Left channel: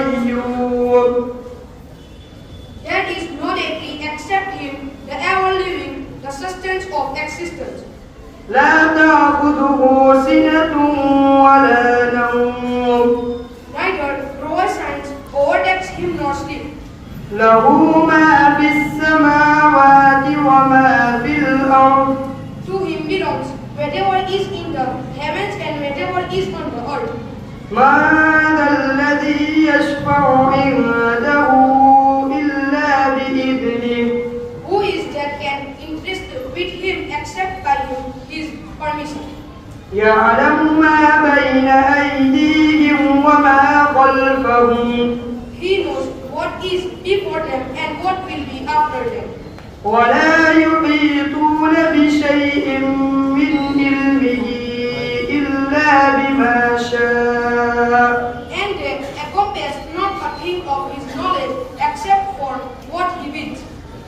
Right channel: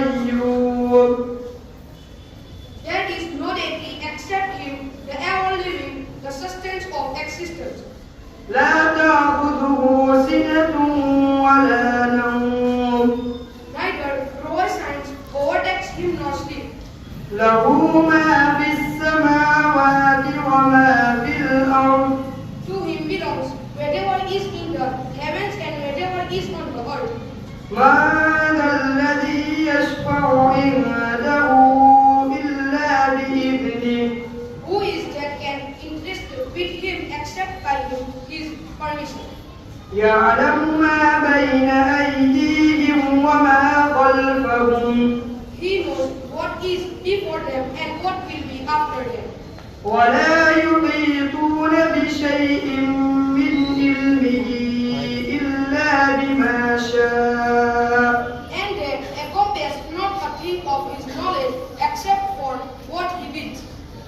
القيوم. There is no deity except Him, the ever-living, the sustenance of existence. لا تأخذه سنة ولا نوم. Neither provisions overtakes Him nor sleep. له ما في السماوات وما في الأرض. To Him belongs whatever is in the heavens and whatever is on the earth. ما ذا الذي يشفع عنده إلا بإذنه. Who is that can interest with Him except by His permission? يعلم ما بين أيديهم وما خلفهم. He knows what is before them and what will be after them. ولا يحيطون بشيء من علمه إلا بما شاء. And they encompass not a thing of His knowledge except for what He wills.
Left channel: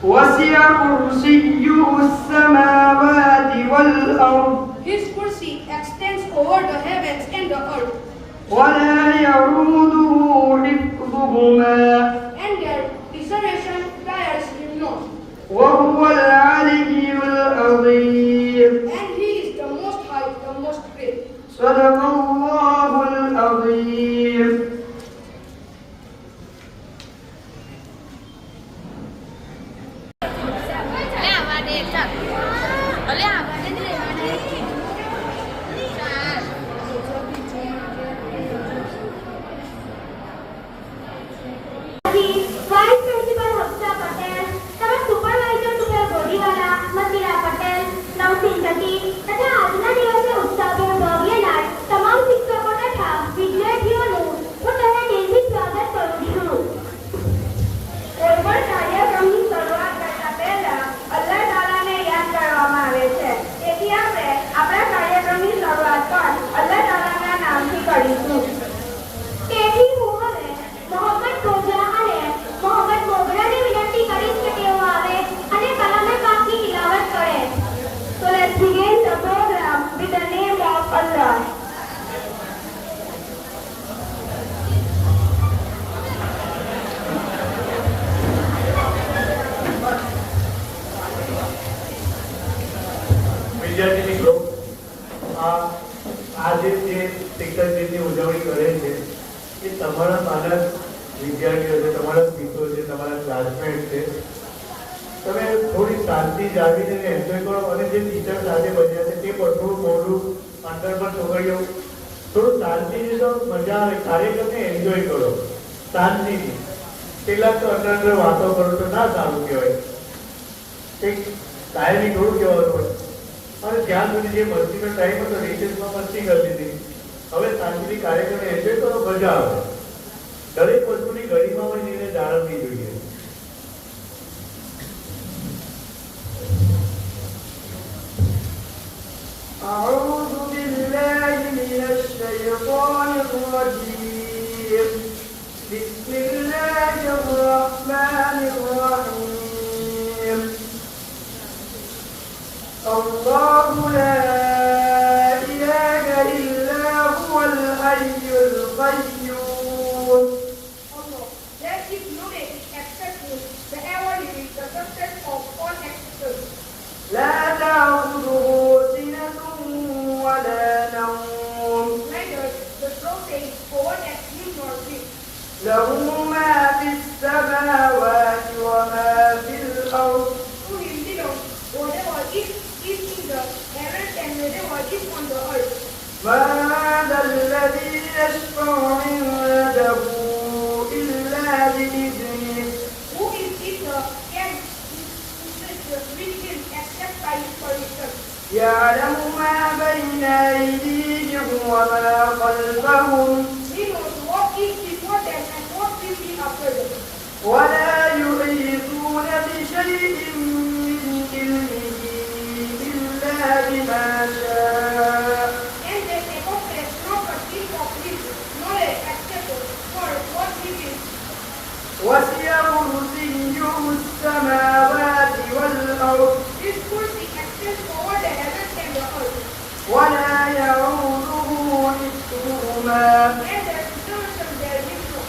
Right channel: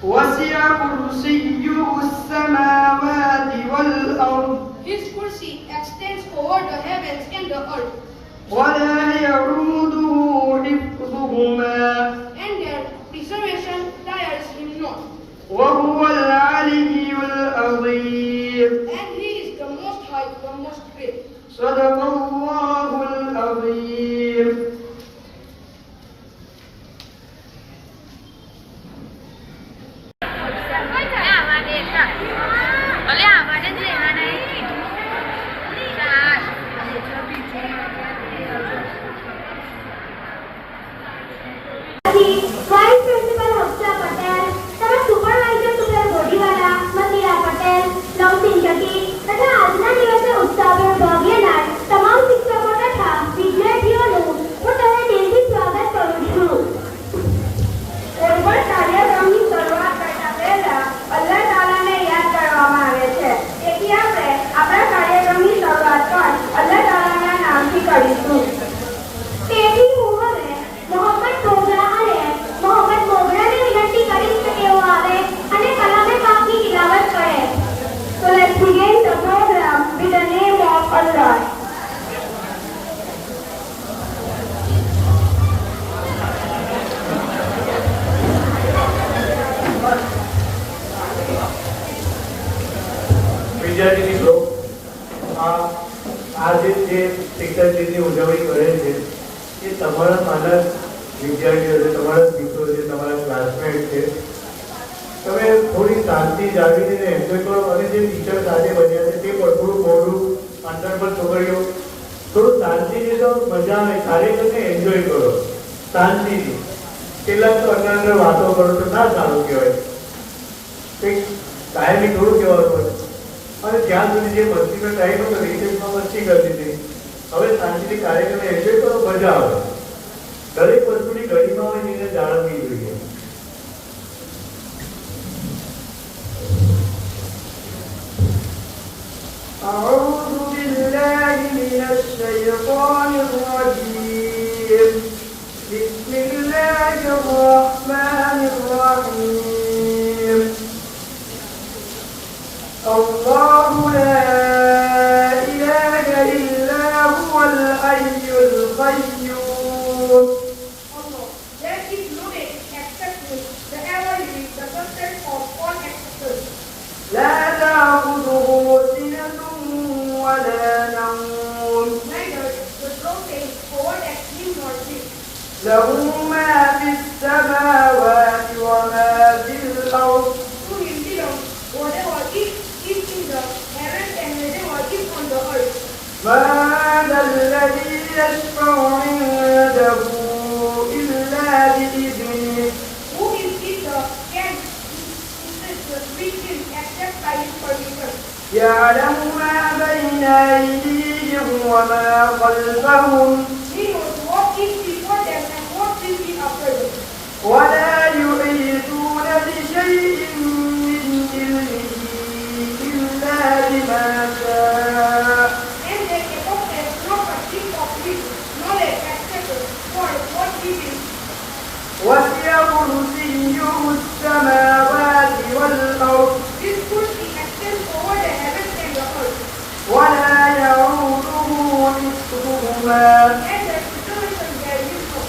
وسع كرسيه السماوات والأرض. His mercy extends over the heavens and the earth, ولا يعوده حفظهما. and their preservation tires Him not. وهو العلي العظيم. And He is the most high, the most great. صدق الله العظيم. Vice principal Harsha Patel, તથા supervisor સુપર બોડીવાલા નસીરા પટેલ, નવસીન જટી તથા આજના દિવસે ઉત્સાહભેર ભાગ લેનાર તમામ શિક્ષકો તથા વિદ્યાર્થીઓનું હું તમને દિલથી સ્વાગત કરું છું. કોઈ પણ કાર્યક્રમની શરૂઆત કરતા પહેલા અલ્લાહ તાલાને યાદ કરવામાં આવે છે. તેથી આપણે આપણા કાર્યક્રમની શરૂઆત પણ અલ્લાહ તાલાના નામથી કરીશું. તેથી હું હવે મોહમ્મદ પ્રોગ્રામ અને મોહમ્મદ મોગરાને વિનંતી કરીશ કે તેઓ આવે અને કલામે પાક की तिलावत करे. So let's begin the program with the name of Allah. વિદ્યાર્થી મિત્રો, આજે જે શિક્ષક દિનની ઉજવણી કરે છે એ તમારા નાના વિદ્યાર્થીઓ છે, તમારા મિત્રો છે, તમારા ક્લાસમેટ છે. તમે થોડી શાંતિ જાળવીને એન્જોય કરો અને જે ટીચર સાથે બન્યા છે તે પણ થોડું મોડું અંદર પર છોકરીઓ થોડું શાંતિથી તો મજા આવે, કાર્યક્રમને એન્જોય કરો શાંતિથી. કેટલાક તો અંદર વાતો કરો તો ના સારું કહેવાય, કંઈક કાયમી થોડું કહેવાનું પડે. અને જ્યાં સુધી જે મસ્તીનો ટાઈમ હતો રિસેસમાં મસ્તી કરતી હતી, હવે શાંતિથી કાર્યક્રમને એન્જોય કરો, મજા આવે. દરેક વસ્તુની ઘડીમાં હોય એને જાળવવી જોઈએ. أعوذ بالله من الشيطان الرجيم. بسم الله الرحمن الرحيم. الله لا إله إلا هو الحي القيوم. Allah, there is no deity except Him, the ever-living, the sustenance of all existence. لا تأخذه سنة ولا نوم. Neither the prophet overtakes Him nor sleep. له ما في السماوات وما في الأرض. To Him belongs whatever is in the heavens and whatever is on the earth. ما ذا الذي يشفع عنده إلا بإذنه. Who is the can with Him except by His permission? يعلم ما بين أيديهم وما خلفهم. He knows what is before them and what will be after them. ولا يحيطون بشيء من علمه إلا بما شاء. And they encompass not a thing of His knowledge except for what He wills. وسع كرسيه السماوات والأرض. His mercy extends over the heavens and the earth, ولا يعوده حفظهما. and their preservation there is no.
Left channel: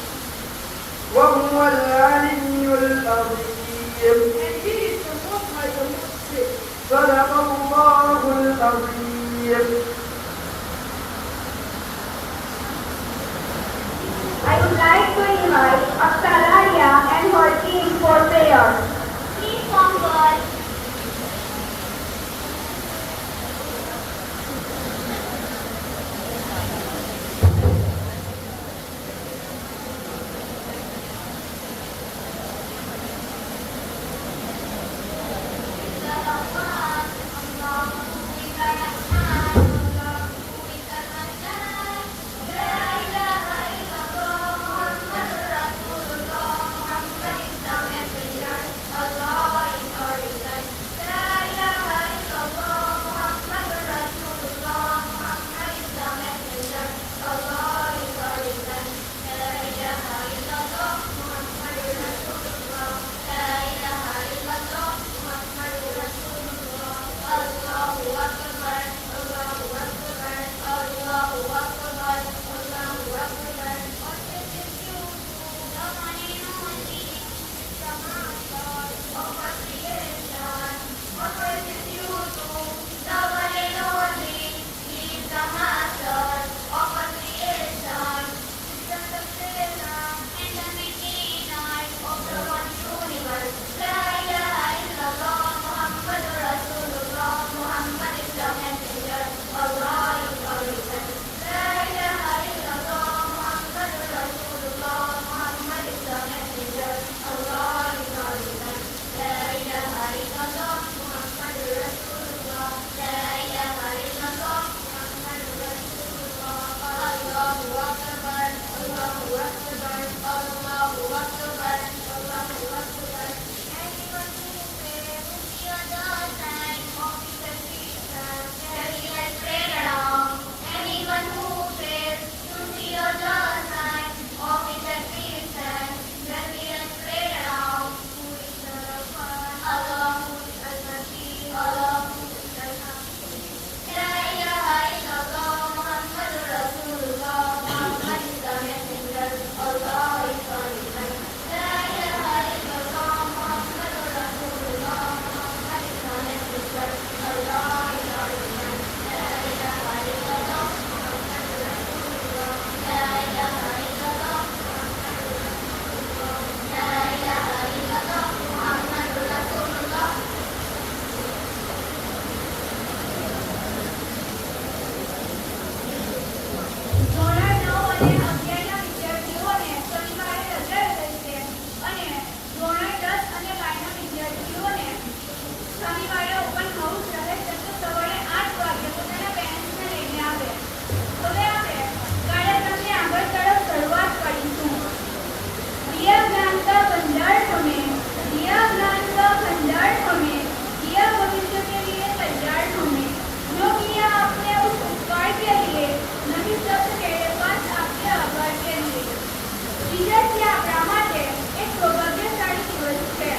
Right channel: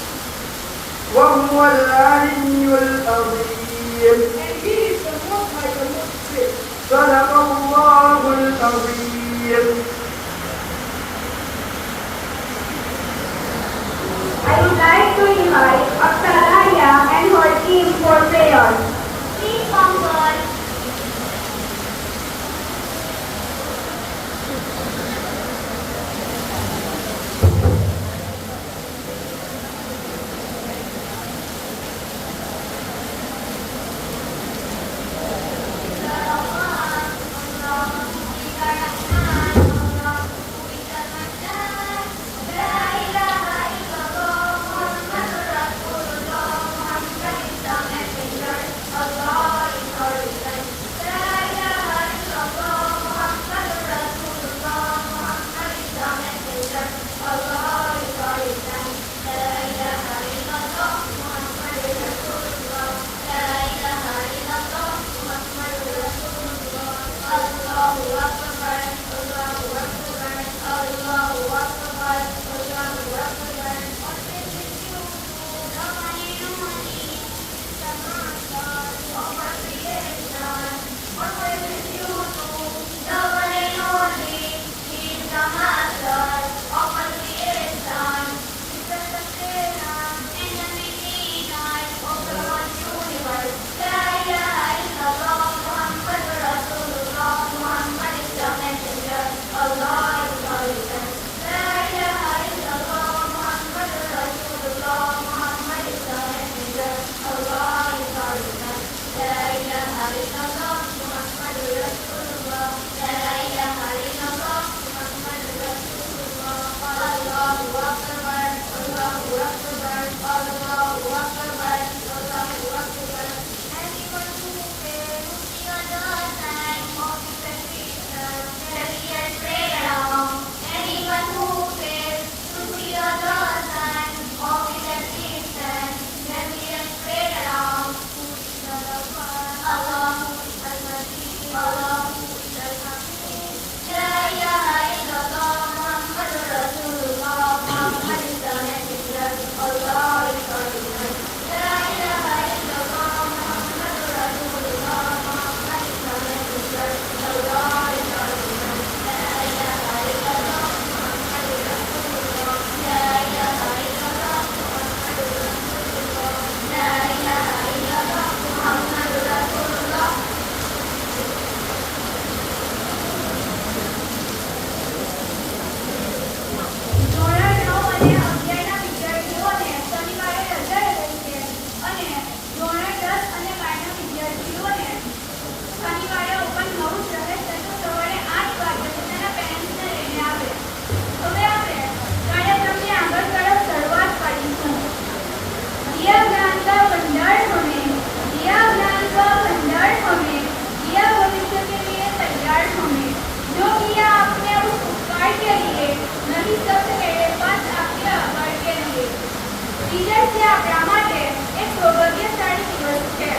દિવસ આપણા માટે એક સૌભાગ્યશાળી દિવસ છે.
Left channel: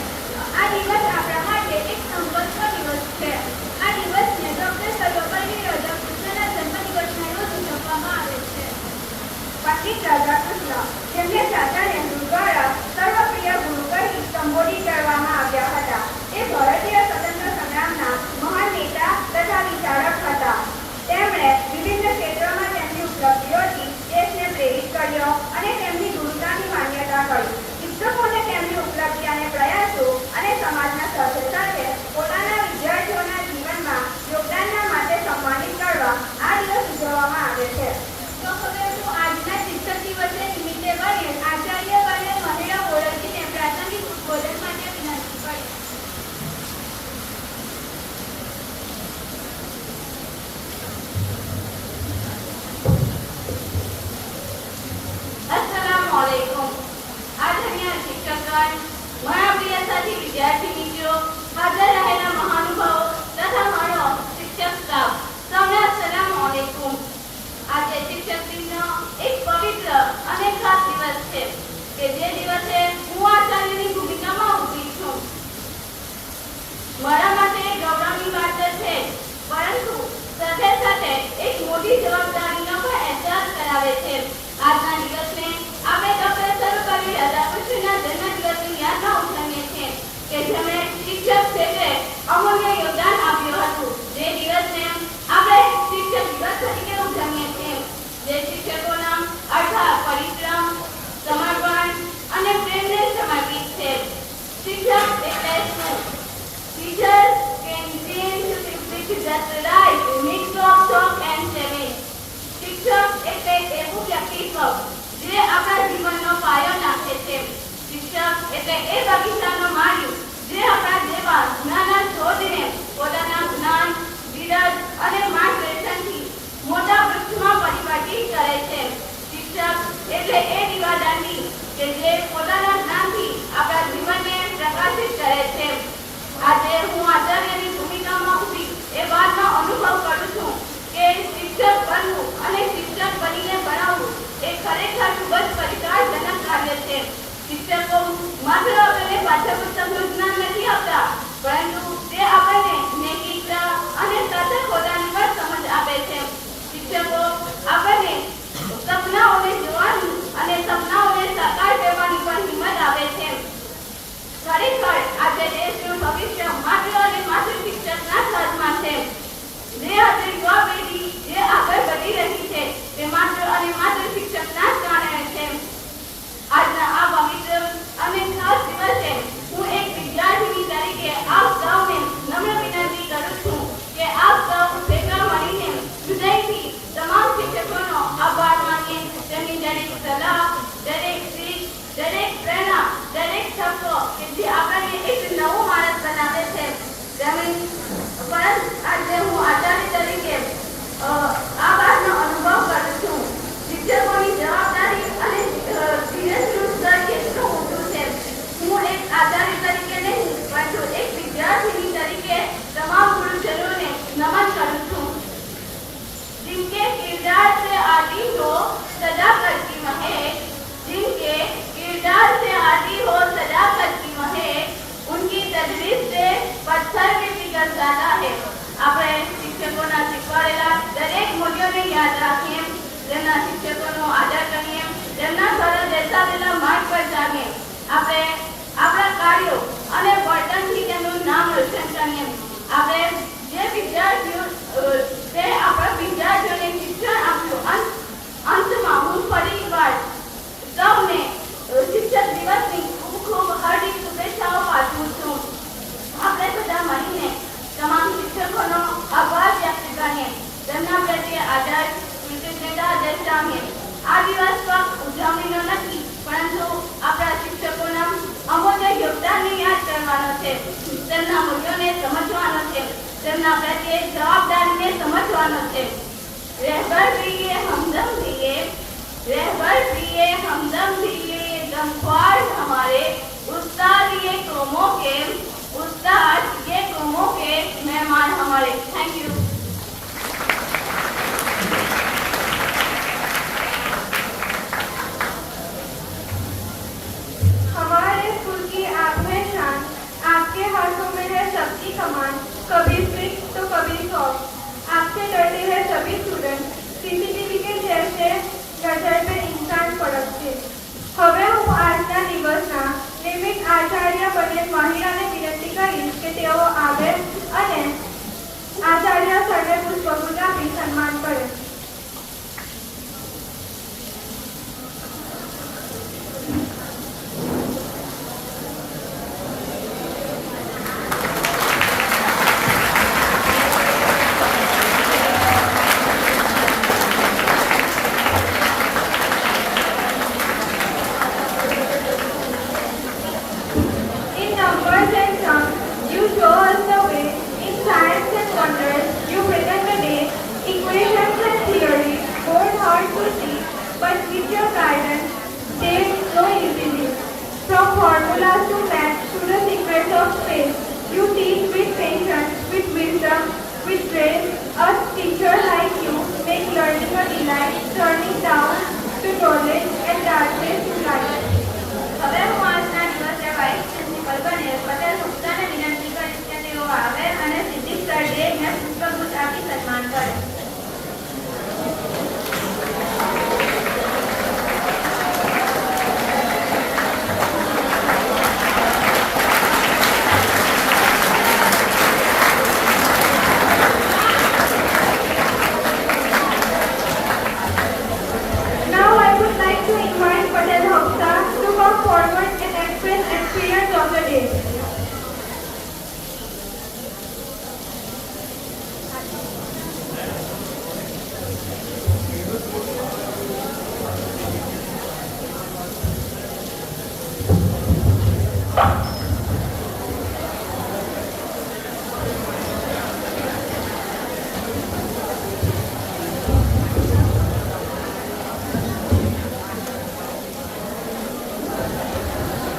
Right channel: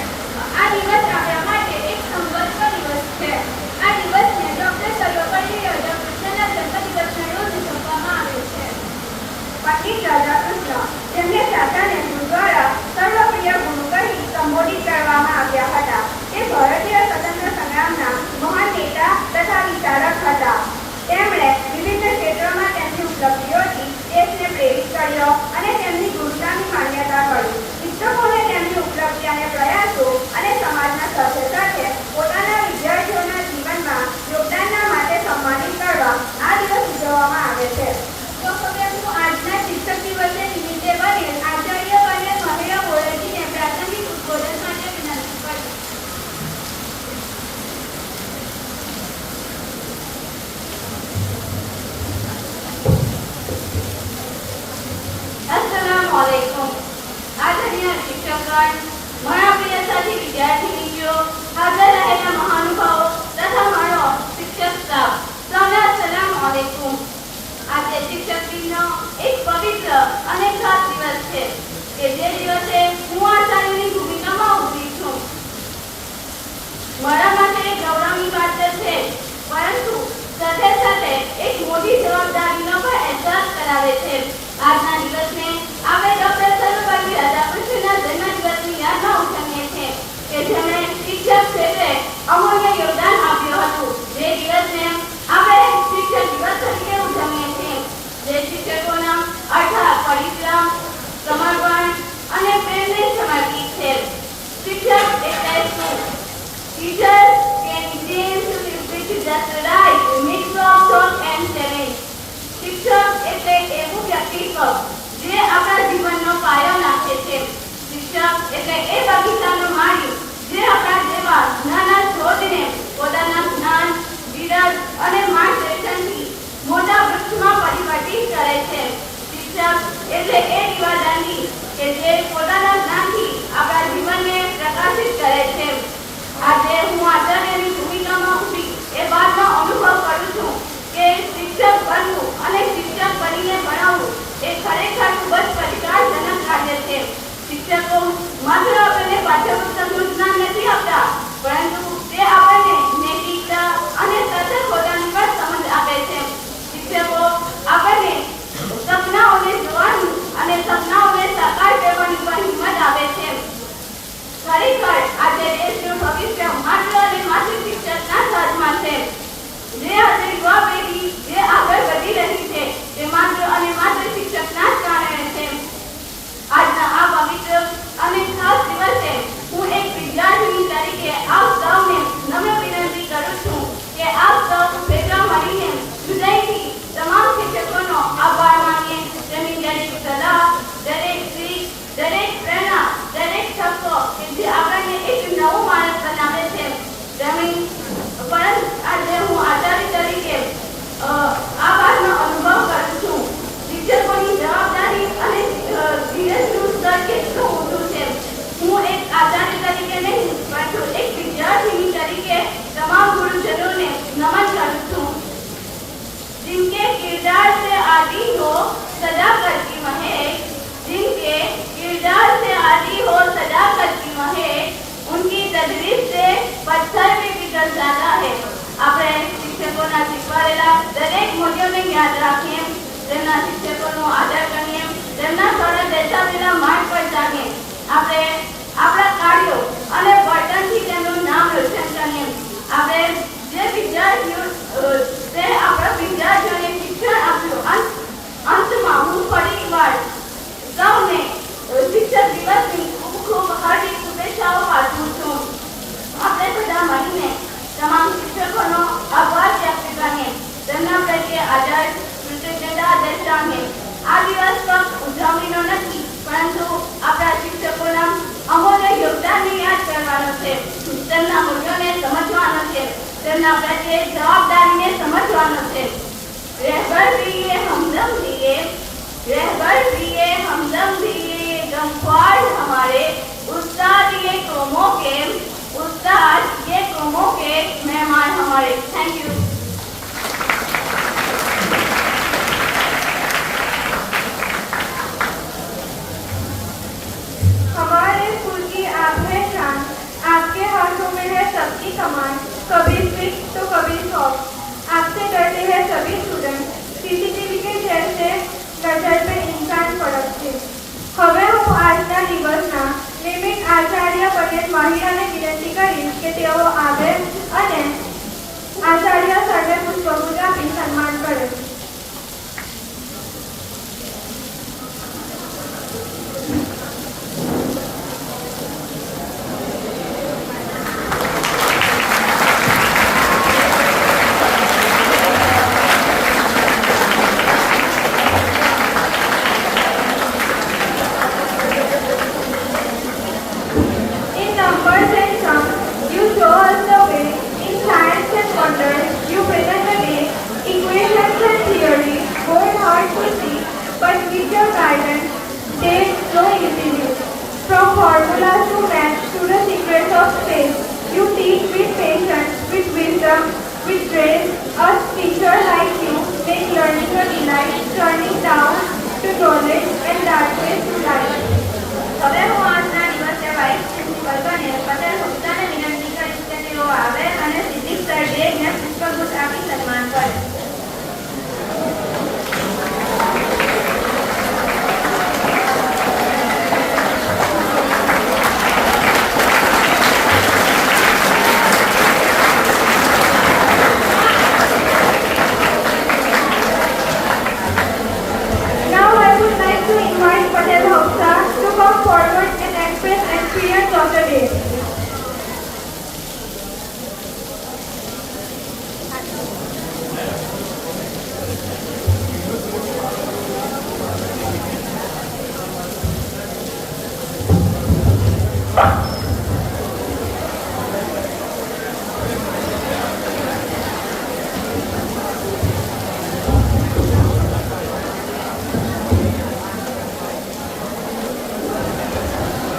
આ દિવસ આપણા માટે એક સંવત્સર દિવસ છે. આ દિવસને ડોક્ટર સર્વપલ્લી રાધાકૃષ્ણના જન્મદિવસના રોજ ઉજવવામાં આવે છે. પંડિત રાધાકૃષ્ણ જેમને શાસન નેહરુ દ્વારા સર્વપ્રિય ગુરુ કહી સંબોધિત કરવામાં આવ્યા હતા. એ ભારતીય સ્વતંત્ર સંગ્રામના મહાન નેતા તથા વિચારક હતા. તેમણે વિવિધ ક્ષેત્રોમાં તેમની ઉપલબ્ધિઓથી દેશને પ્રેરિત કર્યો અને તેમની ગુરુતાની માન્યતા કરી. શિક્ષકોને તેમની ઉપલબ્ધિ અને પ્રયાસો અને સમાજના સભ્ય સાથે પોતાના વિદ્યાર્થીઓના જીવનમાં યોગદાનના માટે સન્માનિત કરવા આ દિવસ ઉજવવામાં આવે છે. તો હવે હું આજના શિક્ષક દિવસે નિમિત્તે વડીલ આચાર્ય અને મહિલા ઓળખીને પ્રાસંગિક ઉદ્બોધન માટે વિનંતી કરીશ. अस्सलामुअलैकुम. आदरणीय शिक्षकगण, મારા પ્રિય સાથી વિદ્યાર્થી મિત્રો, હાજર રહેલા મહાનુભાવો તથા મારો શિક્ષક સ્ટાફ, સૌને अस्सलामुअलैकुम. આજે શિક્ષક દિનનો એક પવિત્ર અને ખાસ દિવસ છે કે જે દિવસે હું આચાર્યની ભૂમિકામાં ઉભરી છું. મારા માટે ગૌરવની વાત તો છે, પરંતુ સાથે સાથે એક મોટી જવાબદારીનો પણ અહેસાસ કરાવે છે. આજના દિવસને આપણે ડોક્ટર સર્વપલ્લી રાધાકૃષ્ણના જન્મદિવસની યાદમાં ઉજવીએ છીએ કે જેમણે શિક્ષક ક્ષેત્રે અમૂલ્ય યોગદાન આપ્યું હતું. જે દિવસને આપણે શિક્ષક દિવસ તરીકે ઉજવીએ છીએ. જે શિક્ષકોના અર્થાત પરિશ્રમ, સમર્પણ અને પ્રેમને સમર્પિત છે. શિક્ષક એટલે શું? Teachers can change to speak just right, mix of talk and telling. શિક્ષક એટલે એવું વ્યક્તિત્વ જે આપણા જીવનનો પાયો નાખે છે. શિક્ષક એટલે એ બગીચાનો માળિયો જે આપણા જેવા નાના છોડને પોતાના જ્ઞાન, ધીરજ અને માર્ગદર્શનથી મોટા વૃક્ષમાં પરિવર્તિત કરે છે. શિક્ષક એટલે એ દીવાદાંડી કે જે પોતાના જ્ઞાનથી આપણા જીવનને પ્રકાશિત કરે છે. આજે હું આચાર્યની ભૂમિકામાં ઊભી એ વાતનો અનુભવ કરું છું કે શિક્ષક બનવું અને શિક્ષક બનીને ભણાવવું એ ખરેખર ખૂબ જ પડકારજનક કાર્ય છે. શિક્ષકો માત્ર આપણને પાઠ્યપુસ્તકનું જ્ઞાન નથી આપતા, પરંતુ તે આપણને નૈતિકતા અને સતર્કતાની પણ સમજ આપે છે. શિક્ષકો આપણને સપનાઓને જોવાનું અને સર્વે પુષ્પગુચ્છ આપી સન્માન કરે. In numbers and sums, you show us the way. In science and wonders, you present the day. Equations and theory, bold hard to see, but with your guidance, they flow easily. From formulas to math to the secrets of space, you teach with patience, with wisdom, with grace. Us teacher like you make learning a delight, turning down to knowledge and darkness to light. હવે હું આજના દિવસે vice principal બને પટેલ ગુપ્તાને વિનંતી કરીશ કે તેઓ આવે અને સિદ્ધિ સર્જેને પુષ્પગુચ્છ આપી સન્માન કરે. Now I would like to invite Patel Hafsa to come forward and express experience of the day.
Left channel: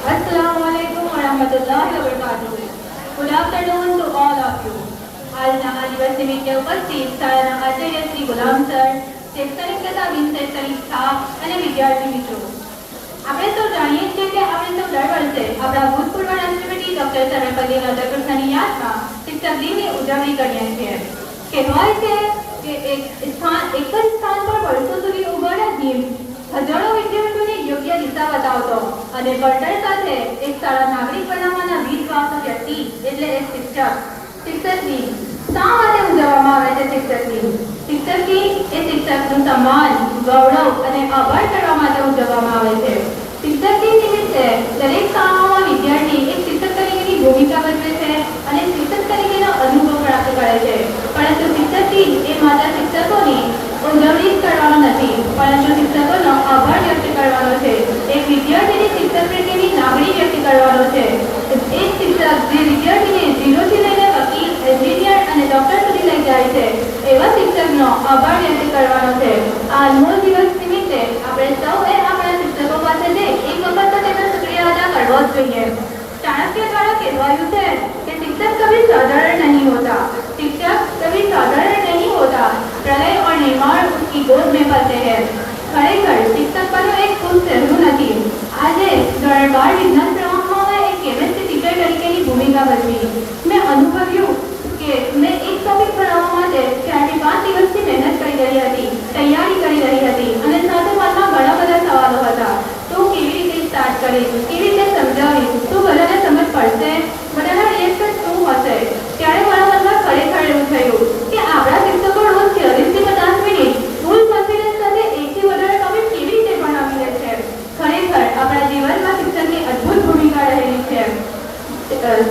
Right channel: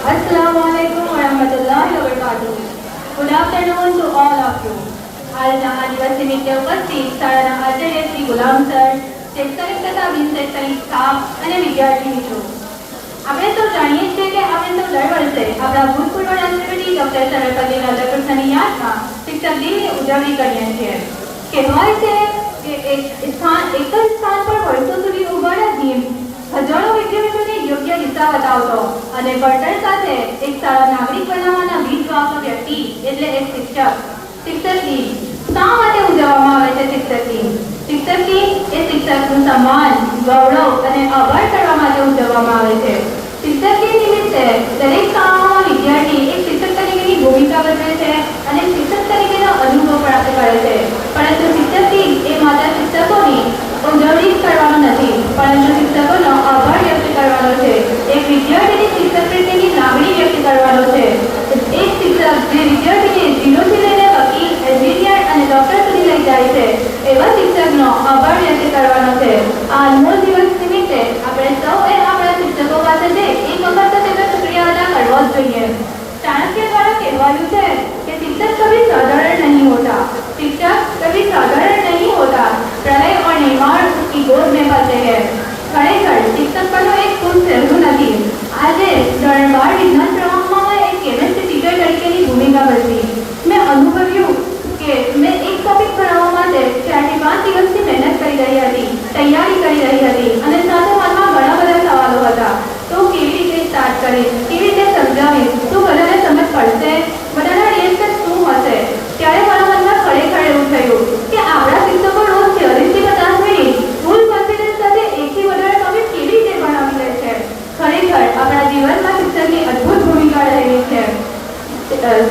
Assalamualaikum warahmatullahi wabarakatuh. Good afternoon to all of you. આજના આ દિવસ નિમિત્તે ઉપસ્થિત શાળાના આચાર્ય શ્રી ગુલામ સર, શૈક્ષણિક તથા બિનશૈક્ષણિક સ્ટાફ અને વિદ્યાર્થી મિત્રો, આપણે તો જાણીએ છીએ કે આપણે તો દર વર્ષે આપણા ભૂતપૂર્વ રાષ્ટ્રપતિ ડોક્ટર સર્વપલ્લી રાધાકૃષ્ણની યાદમાં શિક્ષક દિનની ઉજવણી કરીએ છીએ. કહેવાય છે કે એક જ સ્થાન પર વર્ષો સુધી ઉભા રાખી હજારો વિદ્યાર્થીઓને યોગ્ય દિશા બતાવતો અને ભણતર સાથે એક સારા નાગરિક બનાવવાના બીજ વાવતો વ્યક્તિ એટલે એક શિક્ષક. શિક્ષક દિન શા માટે ઉજવવામાં આવે છે? શિક્ષક દિન એ શિક્ષકનું સન્માન, ગૌરવ અને આભાર કરવા માટે ઉજવવામાં આવે છે. શિક્ષક દિન નિમિત્તે દરેક શાળામાં વિદ્યાર્થી એક શિક્ષક તરીકેની ભૂમિકા ભજવે છે અને શિક્ષક તરીકેનો અનુભવ પ્રાપ્ત કરે છે. પરંતુ શિક્ષક દિન એ માત્ર શિક્ષકોની ઉજવણી કરવાનું નથી, પરંતુ શિક્ષકોનો આભાર વ્યક્ત કરવાનો છે. એક વિદ્યાર્થીની શિક્ષક પ્રત્યેની લાગણી વ્યક્ત કરવાનો છે. એક શિક્ષક જે વિદ્યાર્થીને ઝીરોથી લઈને વકીલ, એન્જિનિયર અને ડોક્ટર સુધી લઈ જાય છે, એવા શિક્ષકનો આભાર વ્યક્ત કરવાનો છે. આ અનમોલ દિવસ નિમિત્તે આપણે સૌએ આપણા શિક્ષકો પાસે જઈ એક વખત તો તેમનો શુક્રિયા અદા કરવો જ જોઈએ. ચાણક્ય દ્વારા કહેવાયું છે કે शिक्षक कभी साधारण नहीं होता, शिक्षक कभी साधारण नहीं होता, प्रलय और निर्माण उसकी गोद में पलते हैं. खरेखर शिक्षक બનવું એક ખૂબ સહેલું નથી. આજે ધોરણ 12 વિજ્ઞાન પ્રવાહમાં મેં એક કેમેસ્ટ્રી ટીચર તરીકેની ભૂમિકા ભજવી. મેં અનુભવ્યું કે મેં એક ટોપિક ભણાવવા માટે 4 થી 5 દિવસથી મહેનત કરી રહી હતી, તૈયારી કરી રહી હતી અને સાથે મનમાં ઘણા બધા સવાલો હતા. તો કેવી રીતે સ્ટાર્ટ કરીશ, કેવી રીતે સમજાવીશ, તો બધાને સમજ પડશે, બધાના રિએક્શન શું હશે? ત્યારે મારા મનમાં ખરેખર એવું થયું કે આપણા શિક્ષકો રોજ 40 થી 50 મિનિટ ફૂલ કોન્ફિડન્સ સાથે એકથી વધારે ટોપિક કેવી રીતે ભણાવી લે છે. ખરેખર આપણા જીવનમાં શિક્ષકની અદ્ભુત ભૂમિકા રહેલી છે.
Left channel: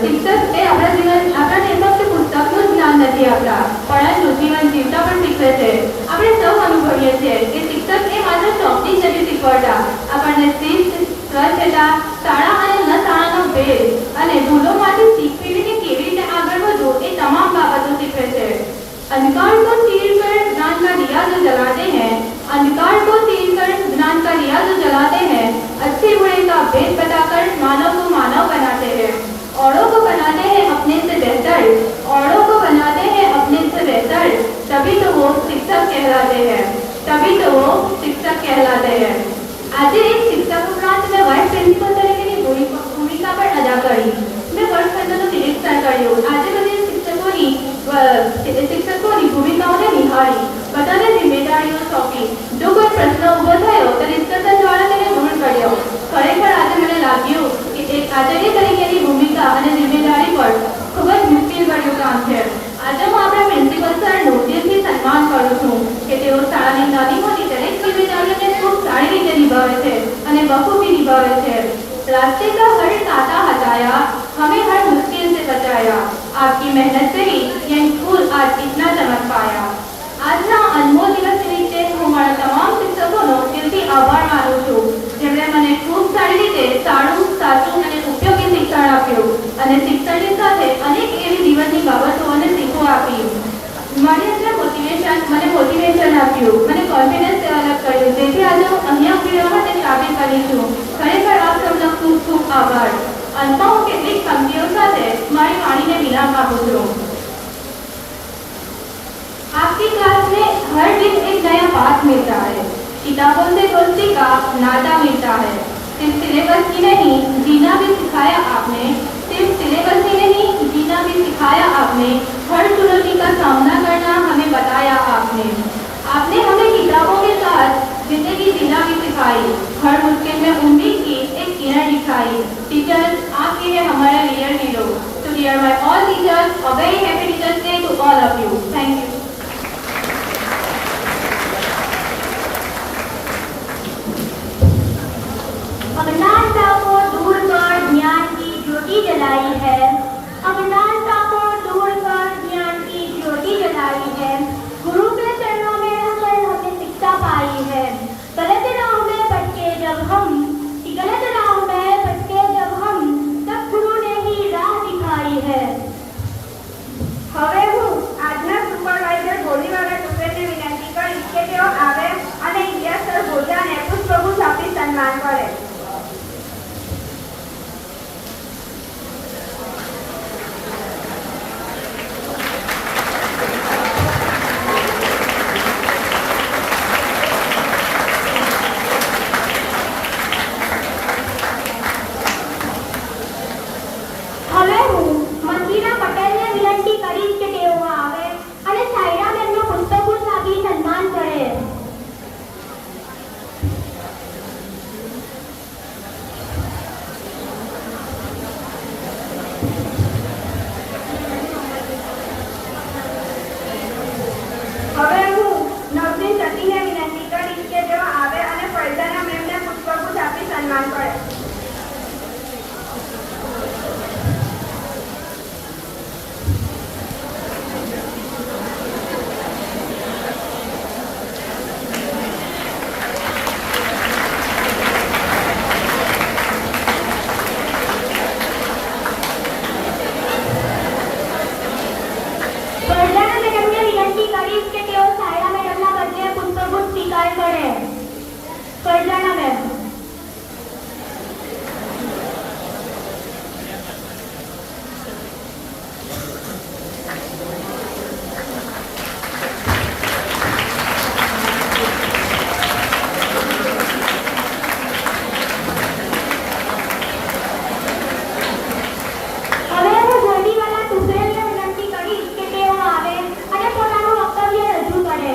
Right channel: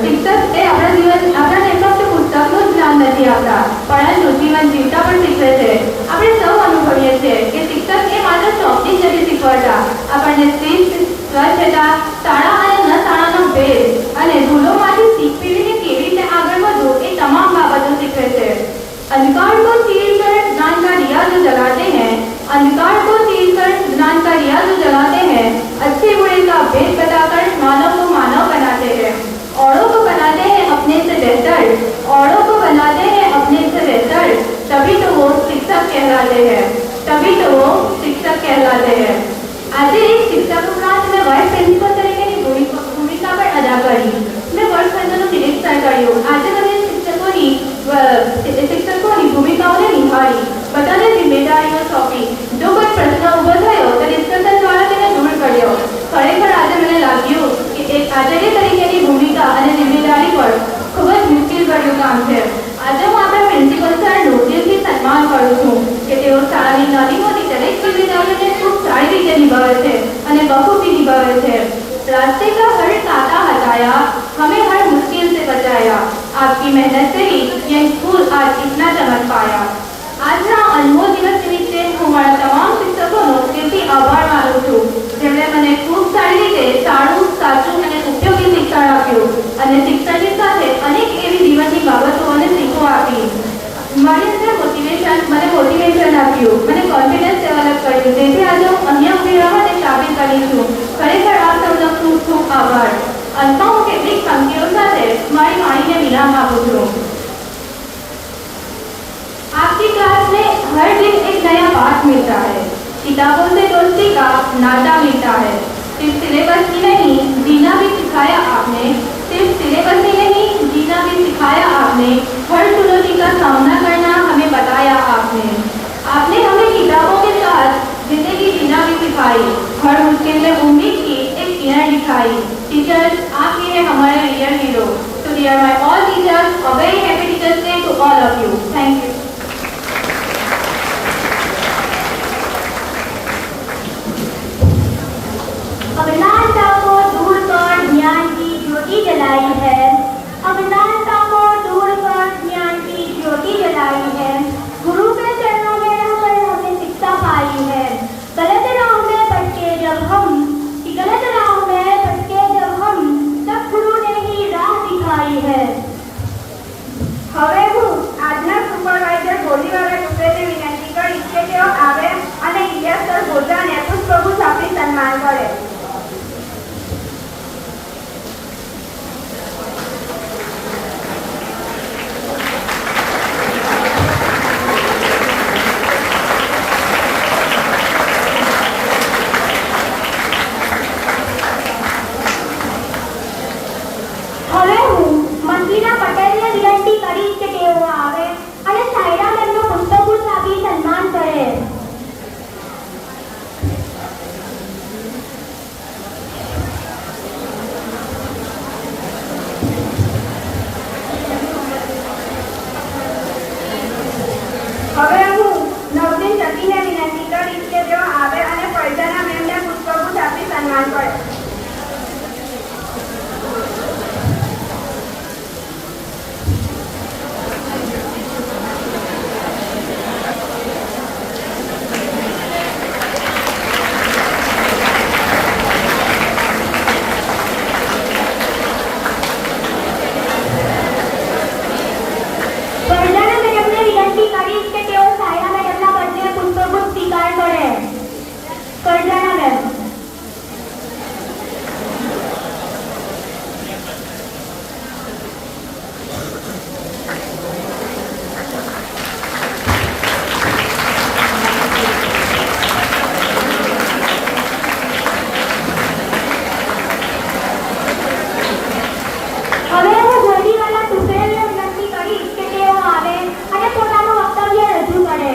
શિક્ષક એ આપણાને ફક્ત પુસ્તકનું જ્ઞાન નથી આપતા, પરંતુ જીવન જીવતા પણ શીખવે છે. આપણે સૌ અનુભવીએ છીએ કે શિક્ષક એ માત્ર ચોકથી જ નથી શીખવાડતા, આપણને શિસ્ત, સ્વચ્છતા, શાળા અને ન શાળાનો ભેદ અને ભૂલો માટે આપ્યું, મને કોન્ફિડન્સ ડેવલપ કર્યું, જેથી આજે હું અહીંયા ઉભી રહેવા માટે કાબિલ બની છું. ખરેખર આપ સૌનો ખૂબ ખૂબ આભાર. અંતમાં હું કેટલીક પંક્તિઓ સાથે મારી વાણીને વિરામ આપું છું. आपकी क्लास में हर दिन एक नया पाठ मिलता है. किताबों से दोस्ती का नाता मिलता है. सिर्फ सिलेबस ही नहीं जीना भी सिखाया आपने. सिर्फ सिलेबस ही नहीं जीना भी सिखाया आपने. हर चुनौती का सामना करना हमें बताया आपने. आपने हमें किताबों के साथ जिंदगी जीना भी सिखाई. हर मुश्किल में उम्मीद की एक किरण दिखाई. टीचर्स आपके लिए हमारे real hero. So dear my all teachers, a very happy Teachers Day to all of you. Thank you. अज्ञानता को दूर कर ज्ञान की ज्योति जलाई है. अज्ञानता को दूर कर ज्ञान की ज्योति जलाई है. गुरु के चरणों में रहकर हमें शिक्षा पाई है. गलत राह में भटके जब हम तब गुरु ने ही राह दिखाई है. હવે હું આજના સુપરવાઇઝર ગોલીવાલા દુબેને વિનંતી કરીશ કે તેઓ આવે અને ઇલિયાસ સર ગોધાને પુષ્પગુચ્છ આપી સન્માન કરે. હવે હું મંત્રીના પટેલને વિનંતી કરીશ કે તેઓ આવે અને સાયરા મેમનો પુષ્પગુચ્છ આપી સન્માન કરે. હવે હું નવદીન જતીને વિનંતી કરીશ કે તેઓ આવે અને ફૈઝાના મેમને પુષ્પગુચ્છ આપી સન્માન કરે. ફરજાના મેડમને વિનંતી કરીશ કે તેઓ સાયરા મેડમના બદલે પુષ્પગુચ્છ સ્વીકાર કરે. ફરજાના મેમ. હવે હું ગોલીવાલા દુબેને વિનંતી કરીશ કે તેઓ આવે અને પોતાનું વક્તવ્ય રજૂ કરે.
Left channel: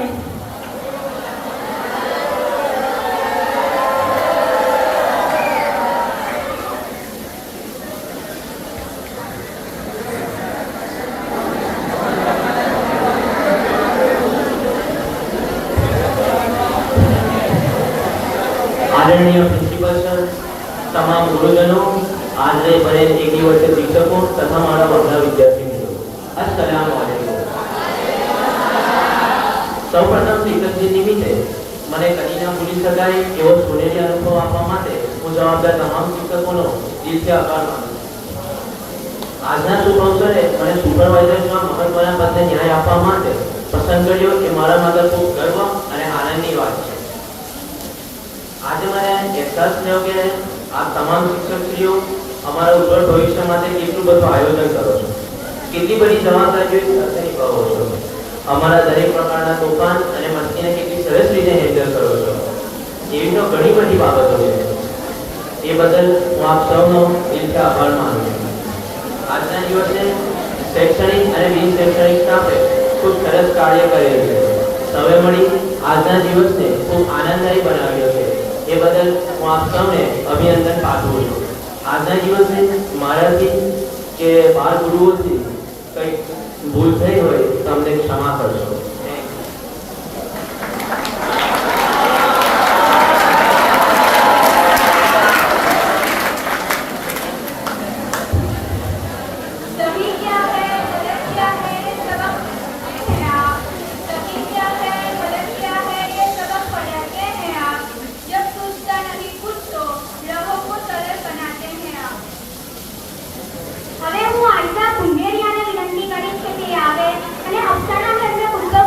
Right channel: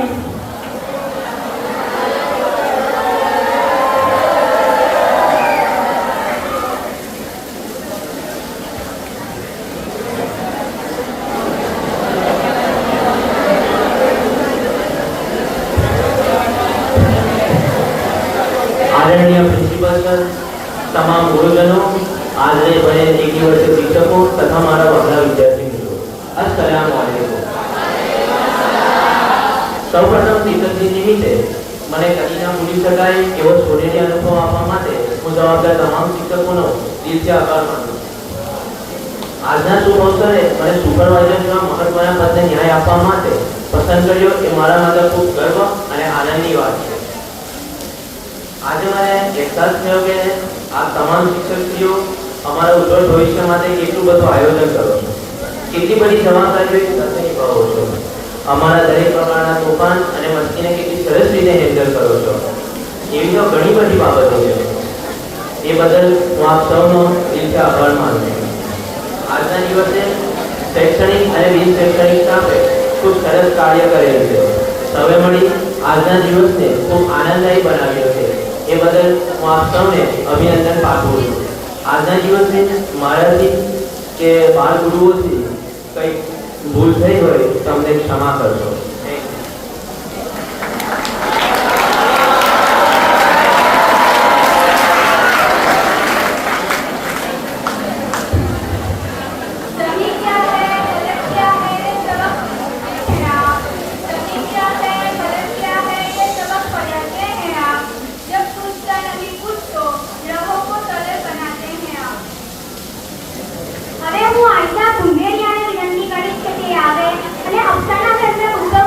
આદરણીય પ્રિન્સિપલ સર, તમામ ગુરુજનો, આજે મને એકની વર્ષે શિક્ષકો તથા મારા વહાલા વિદ્યાર્થી મિત્રો, અસ્સલામ વાલેકુમ. સૌપ્રથમ શિક્ષકજી નિમિત્તે મને કદી ના ભૂલી શકાય એવો સોનેરી અનુભવ આપવા માટે હું જવાબદાર તમામ શિક્ષકોનો દિલથી આભાર માનું છું. આજના શુભ અવસરે મને સુપરવાઇઝરના મહત્વના પદને ન્યાય આપવા માટે પસંદ કર્યો એ મારા માટે ખૂબ ગર્વ અને આનંદની વાત છે. આજે મને અહેસાસ થયો કે આપ તમામ શિક્ષકશ્રીઓ અમારા ઉજ્જવળ ભવિષ્ય માટે કેટલું બધું આયોજન કરો છો, કેટલી બધી જવાબદારીઓ સાથે નિભાવો છો, અમારા દરેક પ્રકારના તોફાન અને મસ્તીને કેટલી સરસ રીતે હેન્ડલ કરો છો. એવી તો ઘણી બધી બાબતો છે. એ બદલ હું આપ સૌનો દિલથી આભાર માનું છું. આજના દિવસે શૈક્ષણિક અને બિન શૈક્ષણિક સ્ટાફે ખૂબ સરસ કાર્ય કરેલું છે. હવે મળી આજના દિવસને ખૂબ આનંદદાયી બનાવ્યો છે. એ બદલ હું આપ સૌને અભિનંદન પાઠવું છું. આજના દિવસે મારાથી કે બાળ ગુરુઓથી કંઈક ભૂલ થઈ હોય તો અમને ક્ષમા કરશો. सभी क्या है गलत क्या है सबक हैं आप. सभी क्या है गलत क्या है ये सबक पढ़ाते हैं आप. जब पूछता नहीं कुछ तो राहों को सरल बनाते हैं आप. હવે હું આશા કુંભેરિયાને વિનંતી કરીશ કે તે આવે અને અફસાના મેમને પુષ્પગુચ્છ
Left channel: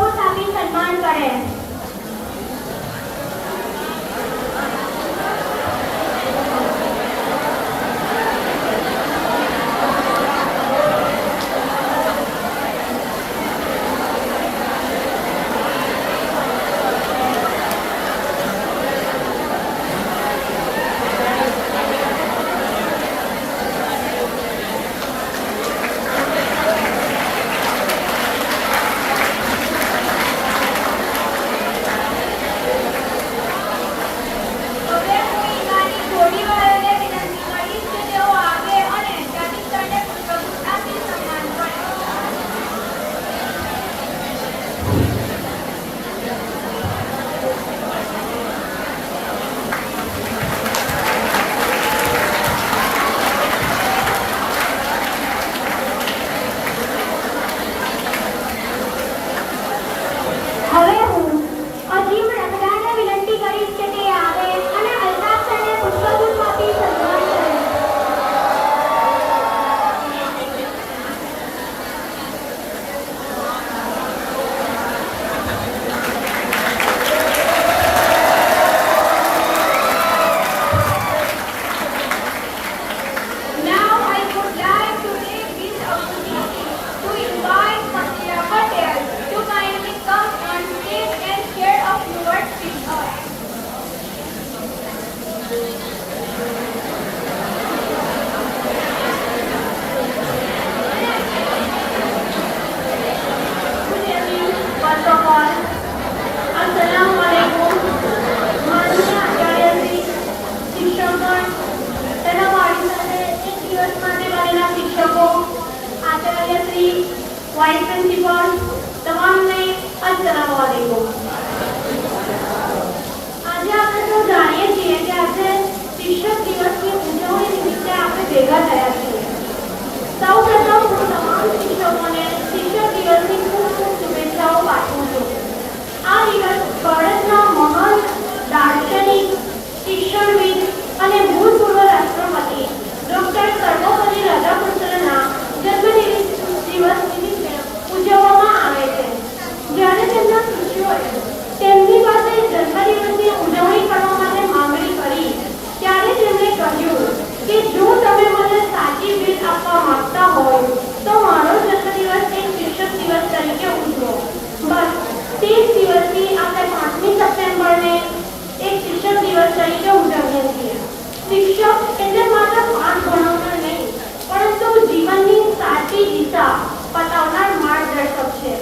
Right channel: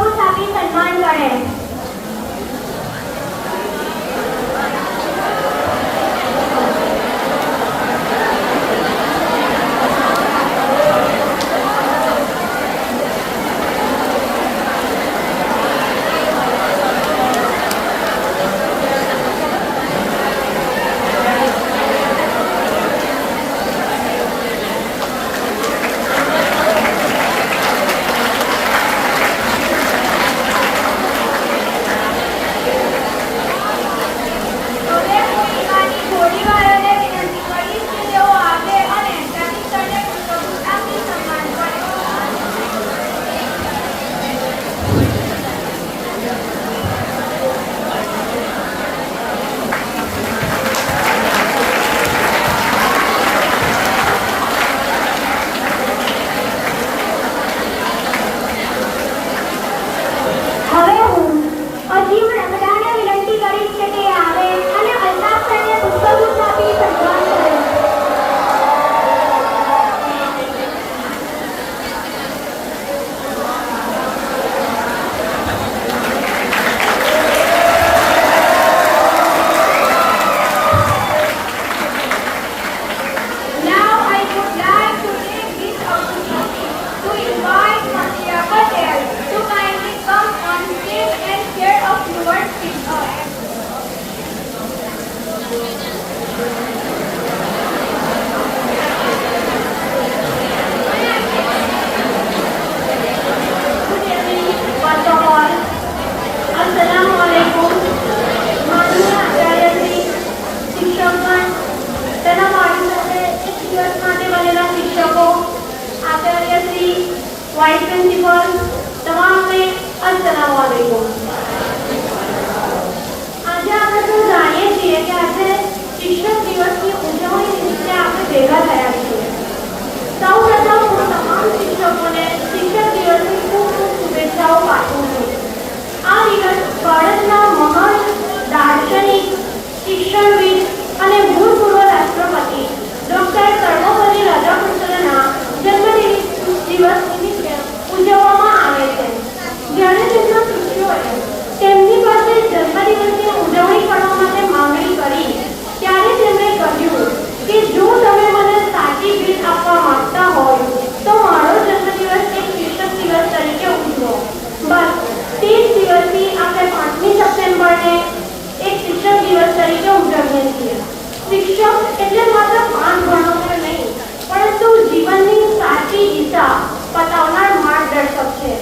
એટલે માત્ર જ્ઞાન ભણાવવું નહીં, પરંતુ જીવનની સાચી દિશા બતાવનાર માર્ગદર્શક છે.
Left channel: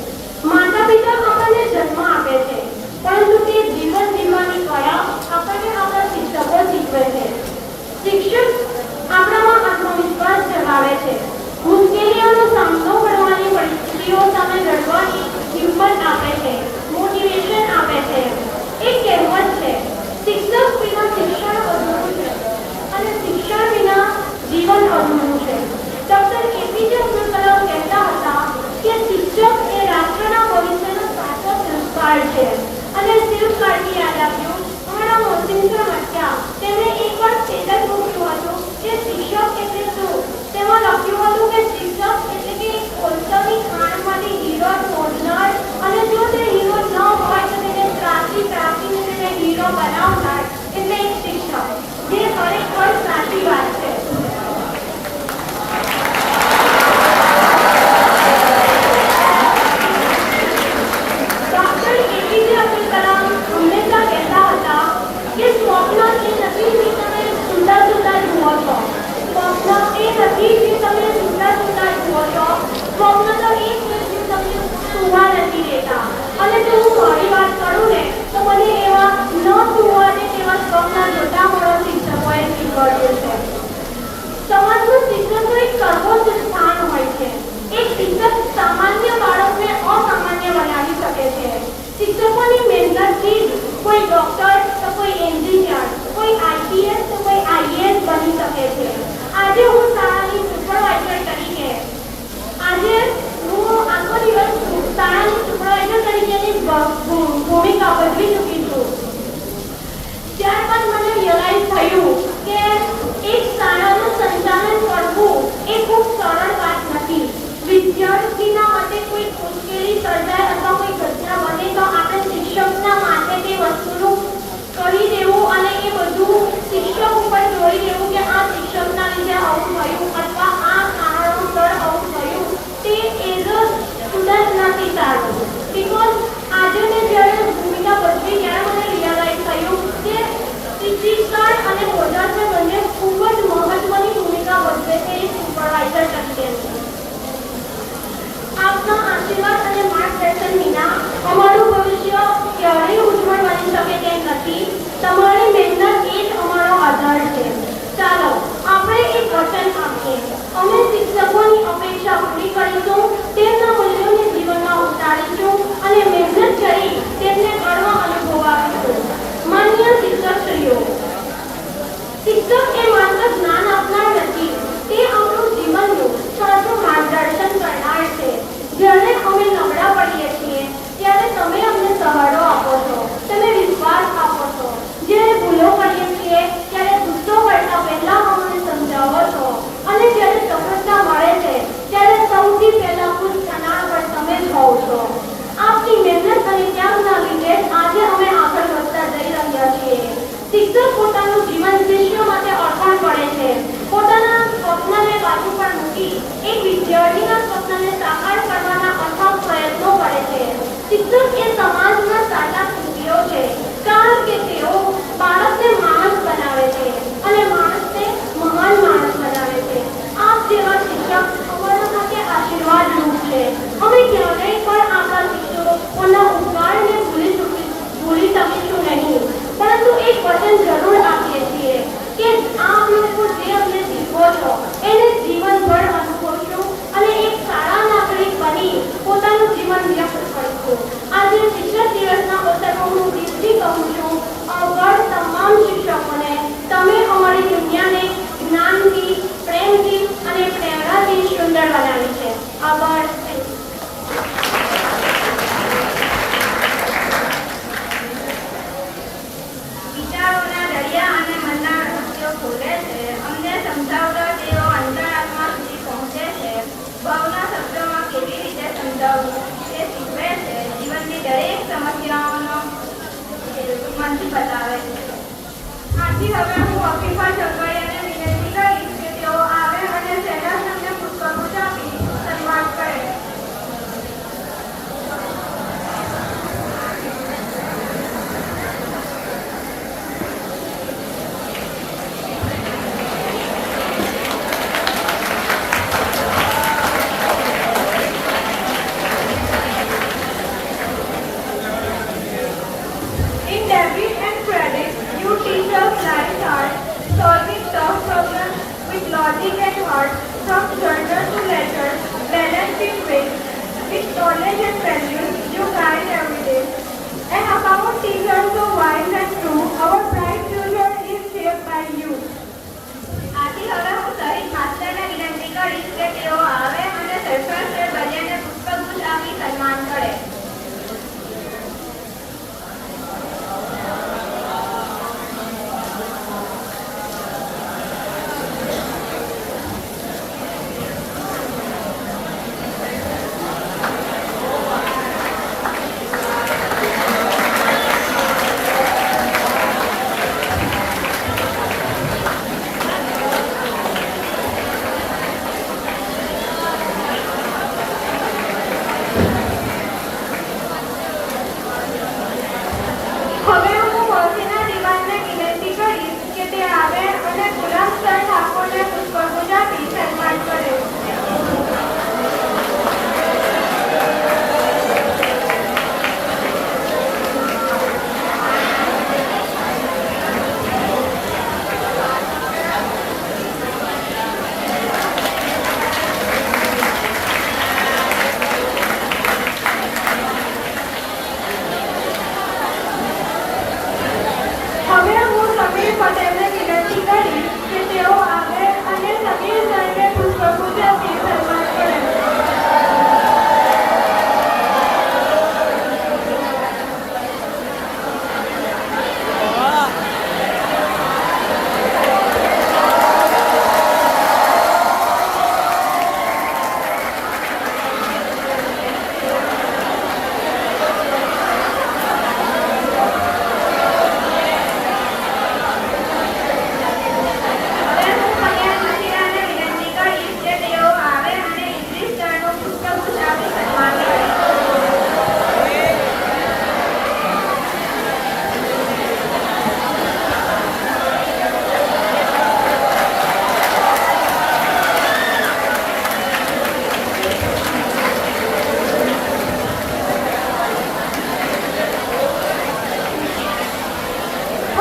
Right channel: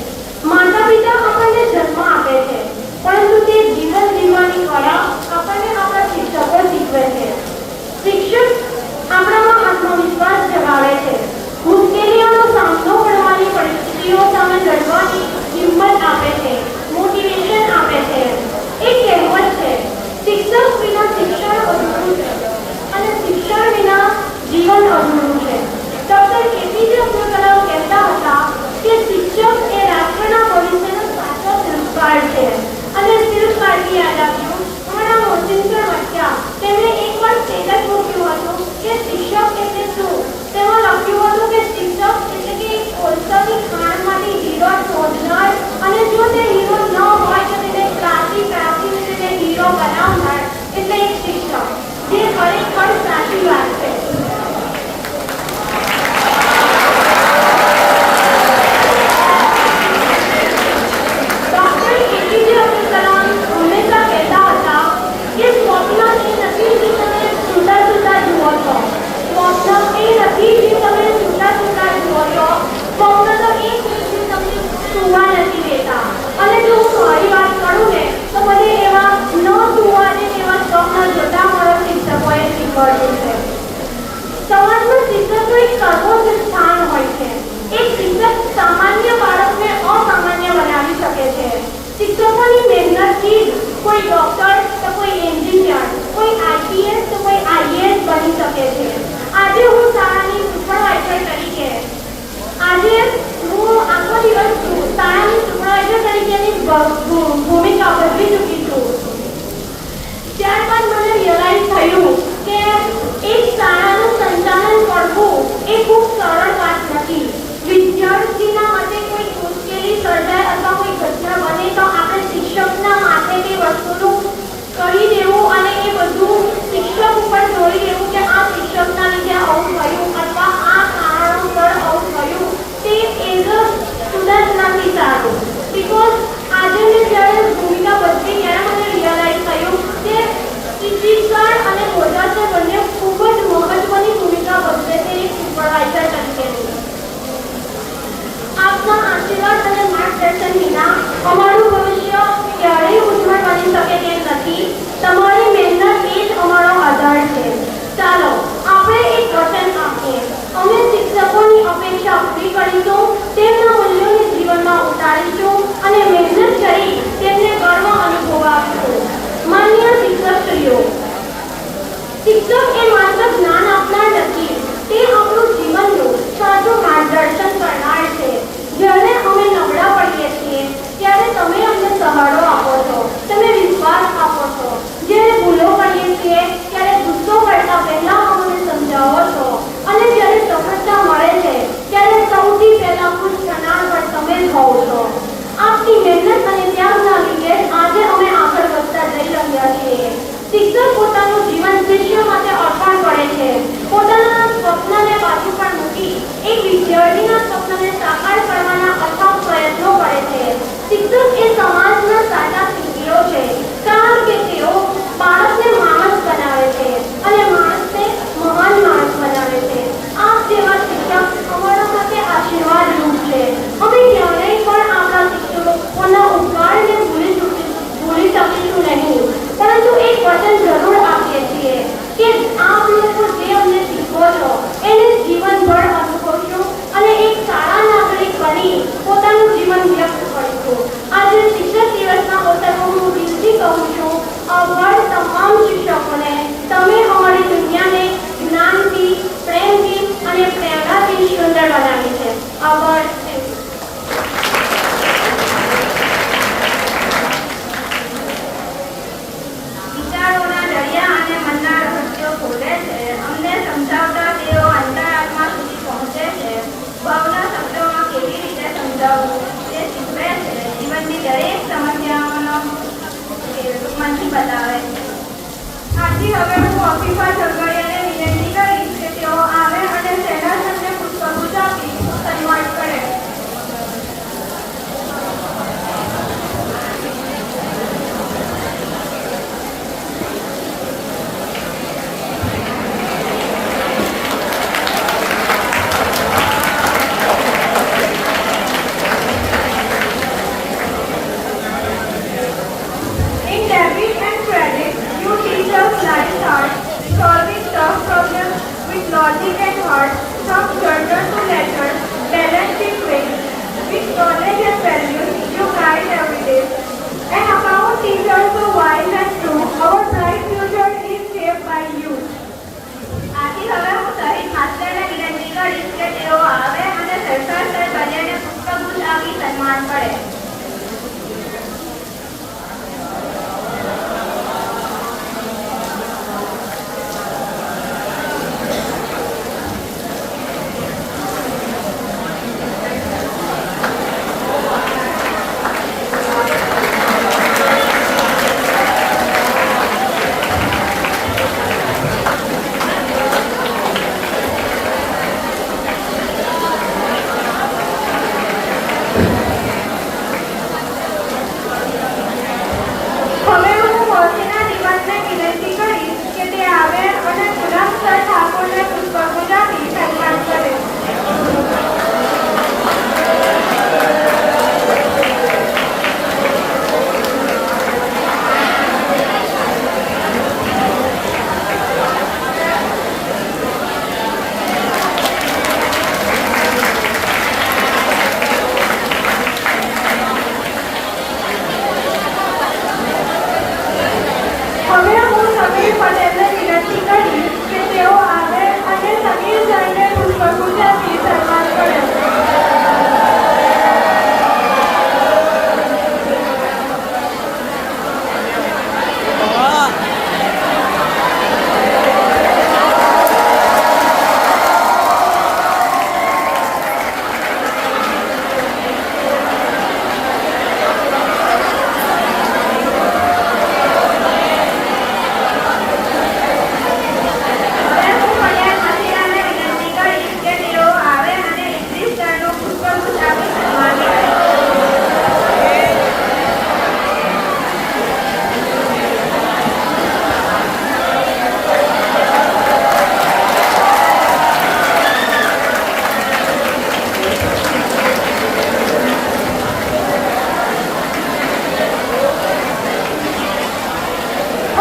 માતા પિતા આપણને જન્મ આપે છે, પરંતુ તે જીવન જીવવાની કળા આપણને આપણા શિક્ષકો શીખવે છે. શિક્ષક આપણામાં આત્મવિશ્વાસ જગાવે છે, મુશ્કેલીઓનો સામનો કરવાની પરિસ્થિતિઓ સામે લડવાની હિંમત આપે છે, મોટિવેશન આપે છે. એક કહેવત છે, શિક્ષક વિના શિક્ષણ અધૂરું છે અને શિક્ષણ વિના જીવન અધૂરું છે. ડોક્ટર એપીજે અબ્દુલ કલામ કહેતા હતા કે શિક્ષક એ રાષ્ટ્રના ભવિષ્યનો સાચો સંસ્કાર છે. અને શિવ ભારતી યાદ આવ્યું, અમારા મોહસિન સર હતા, તેમણે એકવાર સ્ટેટસ મૂક્યું હતું કે શિક્ષક એટલે શું. તેમાં લખ્યું હતું કે શિક્ષક એટલે કે એક કોલસાની ખાણમાંથી હીરો શોધનાર, અને જો તે હીરો ન હોય તો તેને પ્રાચીને તેને હીરો બનાવનાર એટલે એક શિક્ષક, જે ખરેખર સાચી વાત છે. ડોક્ટર એપીજે અબ્દુલ કલામ હંમેશા કહેતા હતા કે સ્વપ્ન એ નથી જે તમે સુંદર જુઓ છો. સ્વપ્ન એ નથી જે તમે સુંદર જુઓ છો. સ્વપ્ન તો એ છે જે તમને સુવા નથી દેતા. અને જો હું મારી વાત કરું ને તો મને એવા ન સુવાને એવા સ્વપ્ન જોતા મારા શિક્ષકોએ શીખવાડ્યું છે. સમાજમાં શિક્ષકનું એક સર્વોચ્ચ સ્થાન હોય છે. એક શિક્ષક સામાન્ય બાળકને અસામાન્ય બનાવી શકે છે. શિક્ષકોની મહેનતથી જ કોઈ ડોક્ટર તો કોઈ એન્જિનિયર, કોઈ આઈપીએસ તો કોઈ આઈએએસ બની શકે છે. આજે હું શાળાની સુપરવાઇઝર તરીકે આખો દિવસ શાળાની સુપરવાઇઝર તરીકેની ભૂમિકા ભજવી ચૂકી છું. ત્યારબાદ મને રિયલાઇઝ થયું કે એક શાળાનું સંચાલન કરવું એ ખૂબ સરળ વાત નથી. વિદ્યાર્થીના માટે કોઈ મુશ્કેલી સર્જાય અથવા કોઈ ઘટના બને તો આપણે શિક્ષકના માટે તે વસ્તુનું કરી દેવું અને એ બધું શિક્ષક ઉપર છોડી દેવું કે આ શિક્ષકના લીધે આવું થયું અથવા આ કારણોસર આવું થયું, તે એઝ અ સ્ટુડન્ટ નથી સારું. બિકોઝ આજે મેં જ્યારે ભૂમિકા ભજવી ત્યારે મને રિયલાઇઝ થયું કે શિક્ષણ અને બોધક બંને ખૂબ જ મહત્વની ભૂમિકા ભજવે છે એક સુપરવાઇઝર તરીકે. educate heart, from children to letters, balanced in ways, with knowledge and values you guide every day. And about teachers so wise and true, our bright future is shaped by you. આથી હવે હું સહિત માસ્ટરને વિનંતી કરીશ કે તેઓ આવે અને સરકાર સર કલ્યાણને પુષ્પગુચ્છ આપી સન્માન કરે. હવે હું મોરબીના દીવાનને વિનંતી કરીશ કે તે આવે અને ગુલામ સર ઠાકોરને પુષ્પગુચ્છ આપી સન્માન કરે. હવે હું સમીર પટેલને વિનંતી કરીશ કે તેઓ આવે અને સમીર સરને પુષ્પગુચ્છ આપી સન્માન કરે. હવે હું પટેલ હસીરાને વિનંતી કરીશ કે તેઓ આવે અને ઇદ્રીસ સરનું પુષ્પગુચ્છ આપી સન્માન કરે.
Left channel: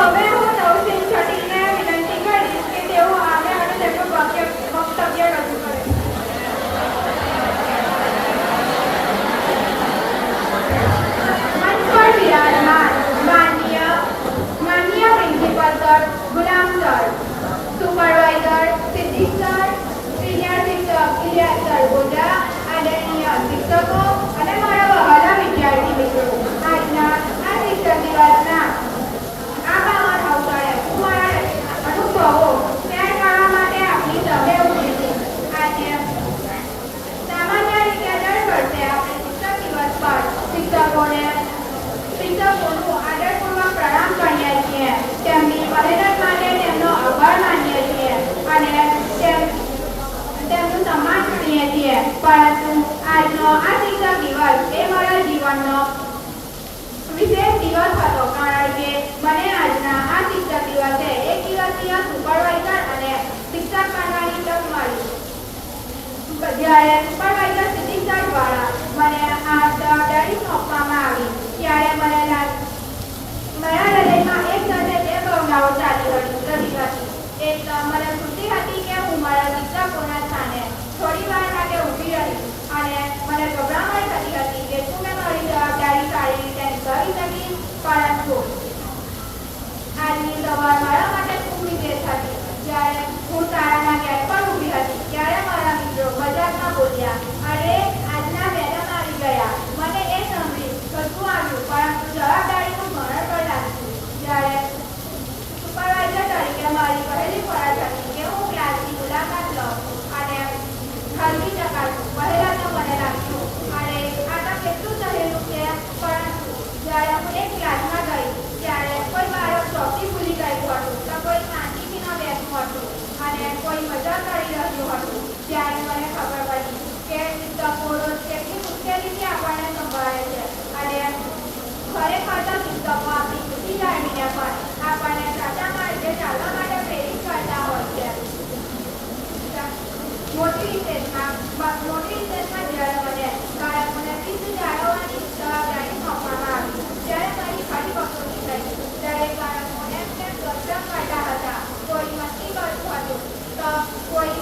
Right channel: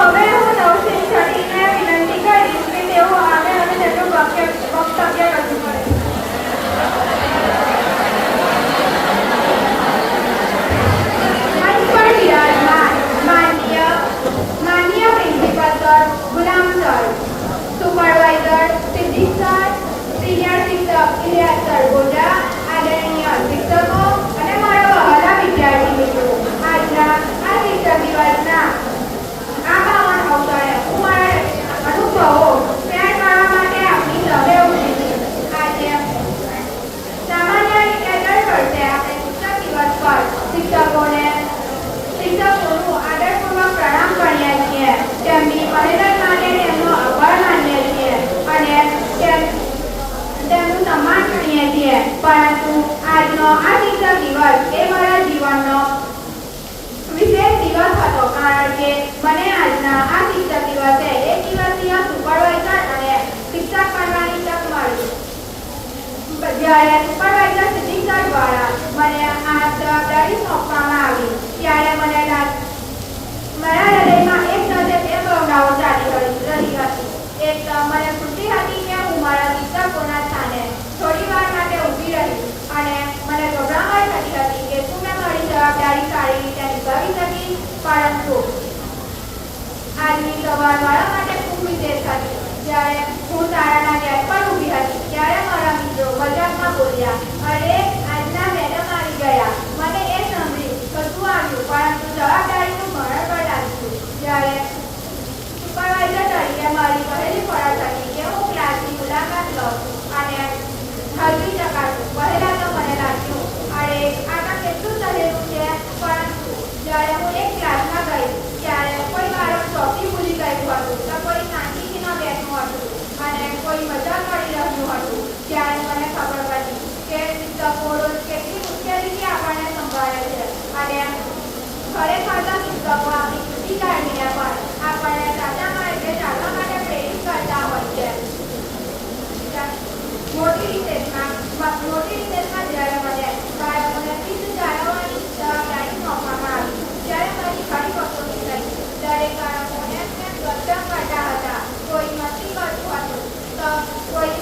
હવે હું નવસીન છઠ્ઠીને વિનંતી કરીશ કે તેઓ આવે અને તેમનું વક્તવ્ય રજૂ કરે. માન્ય પ્રિન્સિપલ સર, ગુલામ sir, supervisor Siddiq sir, senior શિક્ષક ઇલિયાસ સર ગોજા, આદરણીય શિક્ષકો અને મારા વહાલા વિદ્યાર્થી મિત્રો, આજના આ શિક્ષક દિવસના આ પાવન અવસરે હું મારા અનુભવો શેર કરવા માટે આપની સભે ઉભી છું. આજે સામાન્ય રીતે દર વર્ષે આપણે શિક્ષક દિવસ પર શિક્ષકોનું આદરપૂર્વક પ્રણામ કરીએ છીએ, તેમની મહેનત માટે તેમનો આભાર માનીએ છીએ અને તેમનું સન્માન કરીએ છીએ. પરંતુ આજનો આ શિક્ષક દિવસ એ મારા જીવનનો વિશેષ દિવસ હતો, કારણ કે મને આજના આ શિક્ષક દિવસે એક દિવસના સુપરવાઇઝર અને શિક્ષક બનવાની તક મળી. જ્યારે સુપરવાઇઝર સિદ્દીક સર દ્વારા મને આ જવાબદારી સોંપવામાં આવી ત્યારે મારા હૃદયમાં એક સાથે બે ભાવનાઓ ચાલી રહી હતી. એક તો મને ખુશી હતી કે હું મારા શિક્ષકોના સ્થાને થોડી વાર માટે ઊભી રહી અને મને ગભરામણ થતી હતી કે શું મેં મારી જવાબદારી સારી રીતે નિભાવી શકી. પરંતુ આજની સવાર મારા માટે ખૂબ વિશેષ હતી. જ્યારે હું શાળાના ગેટ પર ઊભી હતી ત્યારે મારા મિત્રો મજાકમાં બોલ્યા, "અરે, આજના મેડમ આવી ગયા." મને એ સાંભળી કશું આવ્યું, પરંતુ જવાબદારીનું ભારણ પણ લાગ્યું. જ્યારે સુપરવાઇઝર તરીકે મારી પહેલી ફરજ હતી કે હું ક્લાસની મુલાકાત લઉં અને હલવી ચકાસું. પહેલા તો મને લાગ્યું, "અરે, આ તો કેટલું સહેલું છે." પરંતુ જ્યારે હું એક ક્લાસમાં ગઈ ત્યારે કોઈ મારો ચોકી ભૂલી ગયું હતું, તો કોઈ શાંતિથી ન બેઠું હતું અને કોઈ મજા કરી રહ્યું હતું. ત્યારે મને ખબર પડી કે શિક્ષકો રોજ કેટલી મુશ્કેલીથી આપણને સંભાળે છે અને ખરેખર તો શિક્ષકો આપણી ખુશી જાણીને પણ આપણને સાચા માર્ગે ચાલવા માટે પ્રેરિત કરતા હોય છે. મોટી રિસેસમાં જ્યારે મને બાળકોને શિસ્ત જાળવવાની જવાબદારી સોંપવામાં આવી ત્યારે મારી ઘણી વખતોની થઈ. દરેક બાળકો એમ ગપસપ કરતા હતા, કોઈ મસ્તી કરતું હતું તો કોઈ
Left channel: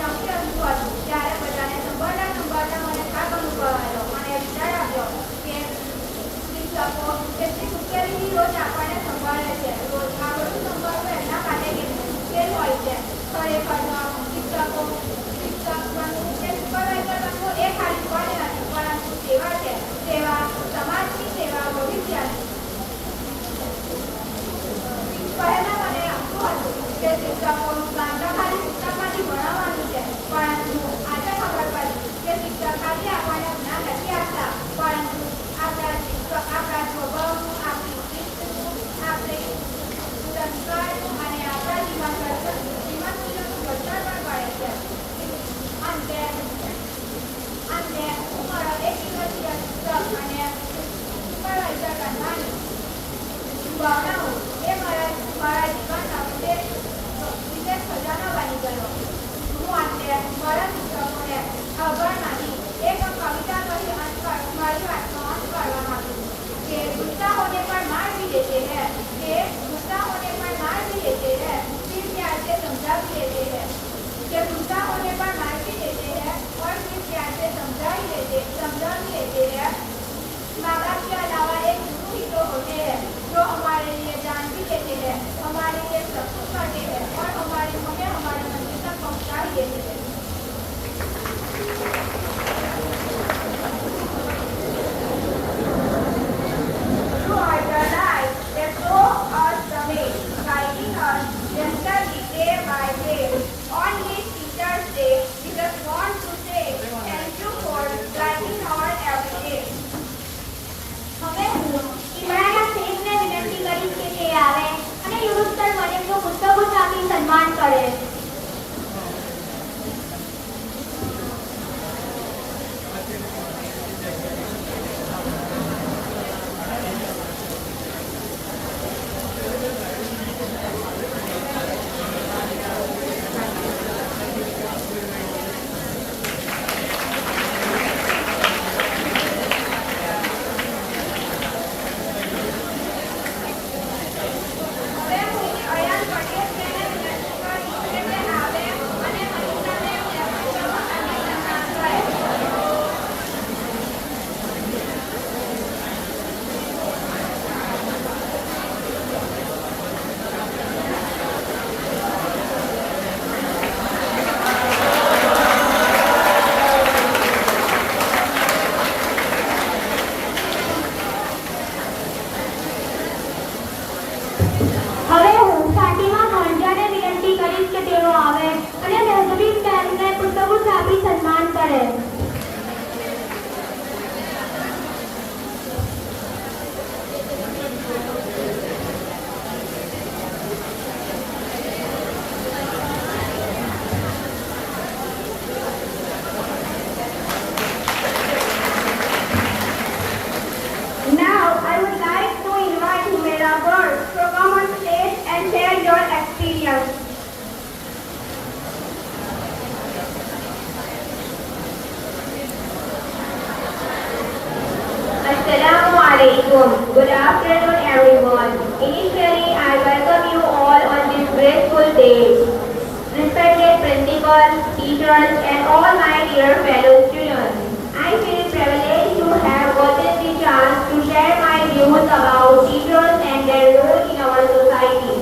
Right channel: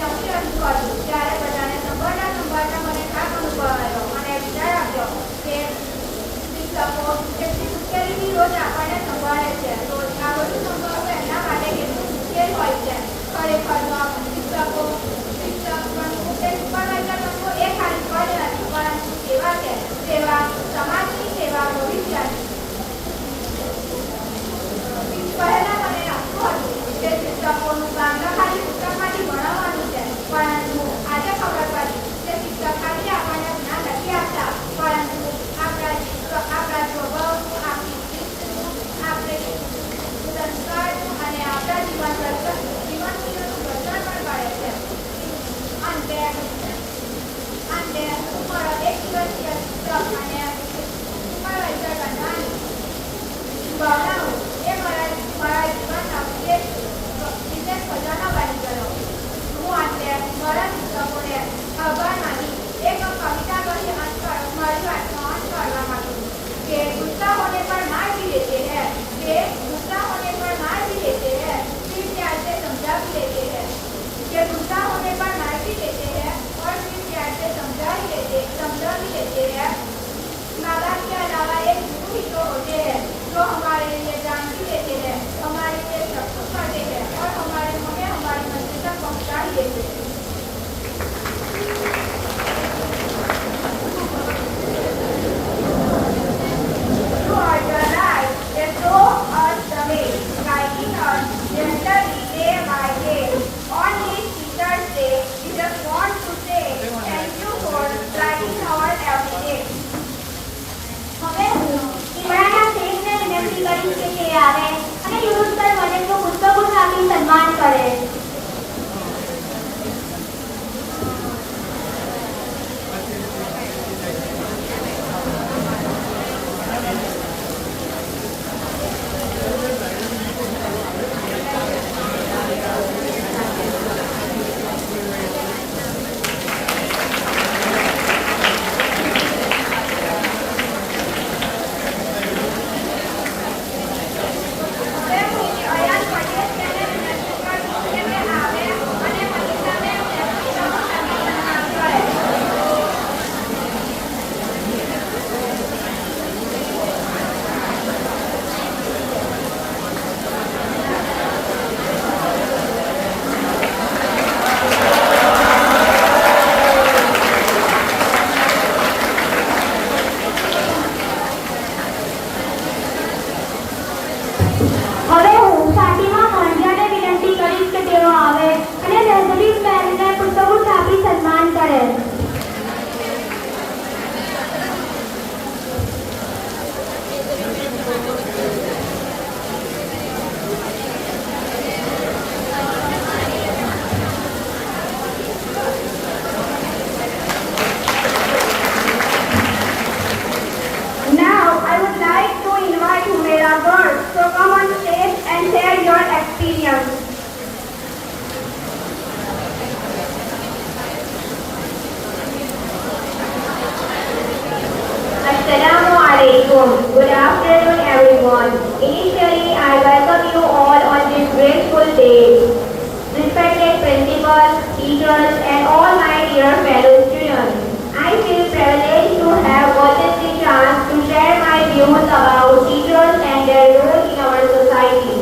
principal, teachers, and all my dear fellow students. I feel privileged to have gotten the chance to share my views about teachers and their role in our society.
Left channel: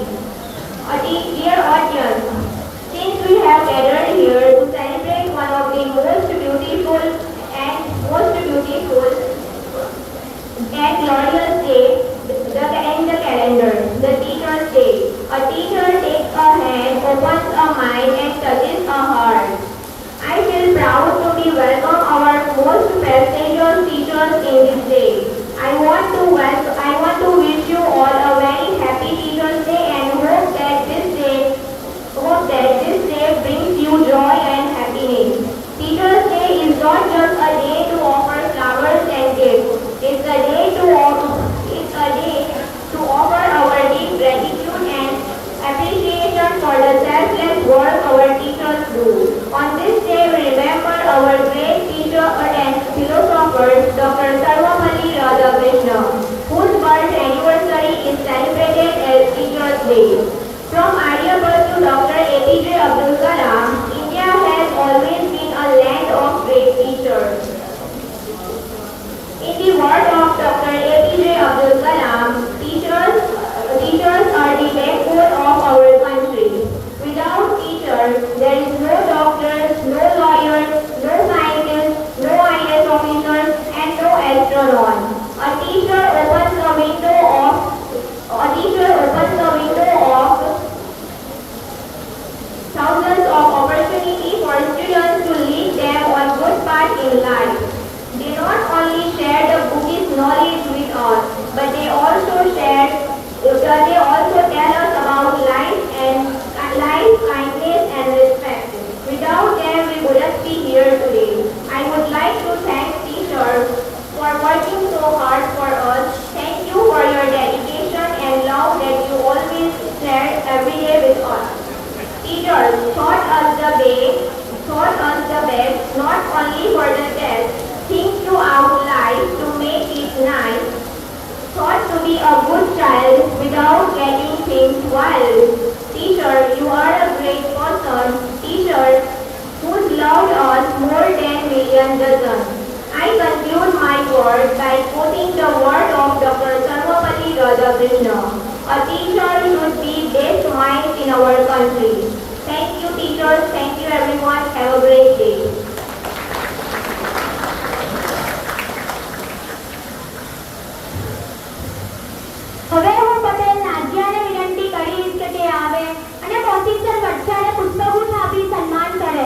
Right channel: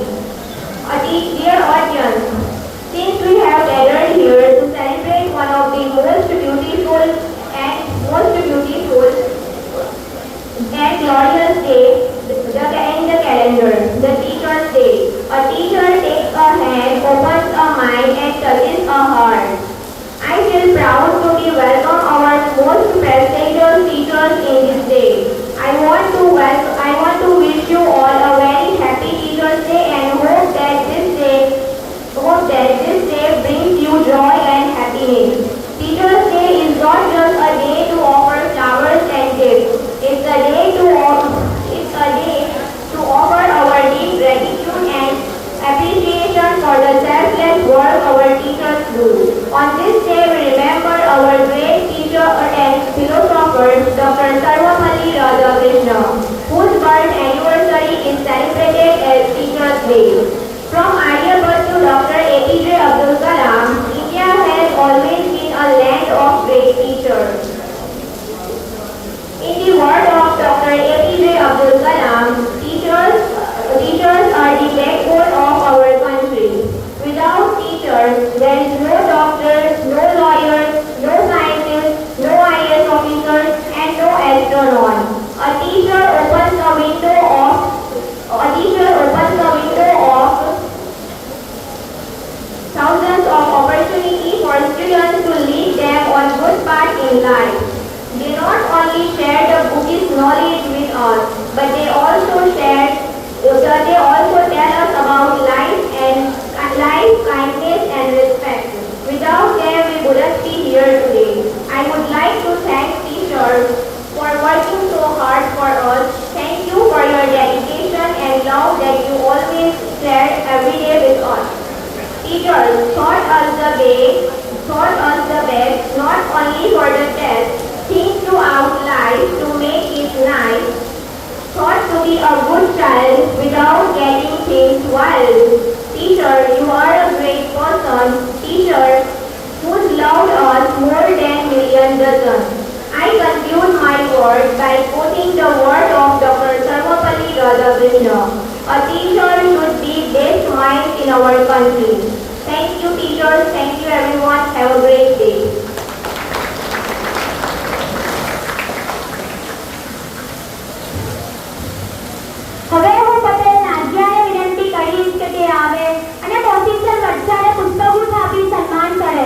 Dear audience, since we have gathered here to celebrate one of the most beautiful and glorious days in the calendar, the Teacher's Day. A teacher takes a hand, opens a mind, and touches a heart. I feel proud to be welcome our most prestigious teachers in this day. I want to wish you all a very happy Teacher's Day and hope that this day brings you joy and happiness. Teacher's Day is not just a day to offer flowers and gifts. It's a day to offer our deep gratitude and appreciation for the selfless work our teachers do. On this day, we remember our great teacher and philosopher, Dr. Sarvapalli Radhakrishnan, whose birth anniversary is celebrated as Teacher's Day. From Aryabhatta to Dr. APJ Abdul Kalam, India has always been a land of great teachers. In the words of Dr. APJ Abdul Kalam, teachers are the backbone of our country. Without teachers, there is no doctors, no lawyers, no scientists, no IAS officers, and no astronauts. A teacher opens the window of thousands of opportunities for students to lead them on good paths in life. They not only share the book's knowledge with us, but they also tell us about life, kindness, and respect. Without them, we wouldn't be here today. I would like to thank teachers for working so hard for us. Thank you for your dedication and love that you always share every day with us. Teachers taught us the best, not only for the test, think throughout life to make it nice. Taught to be a good child without getting things wild. Teacher, you are a great person. Teacher, who's loved us more than million dozen. I conclude my words by quoting the word of Dr. Sarvapalli Radhakrishnan. A teacher should be best minds in our country. Thank you, teachers. Thank you, everyone. Have a great day. હવે હું પટેલ નાજિયાને વિનંતી કરીશ કે તે આવે અને professor વટસાને પુસ્તકો આપી સન્માન કરે.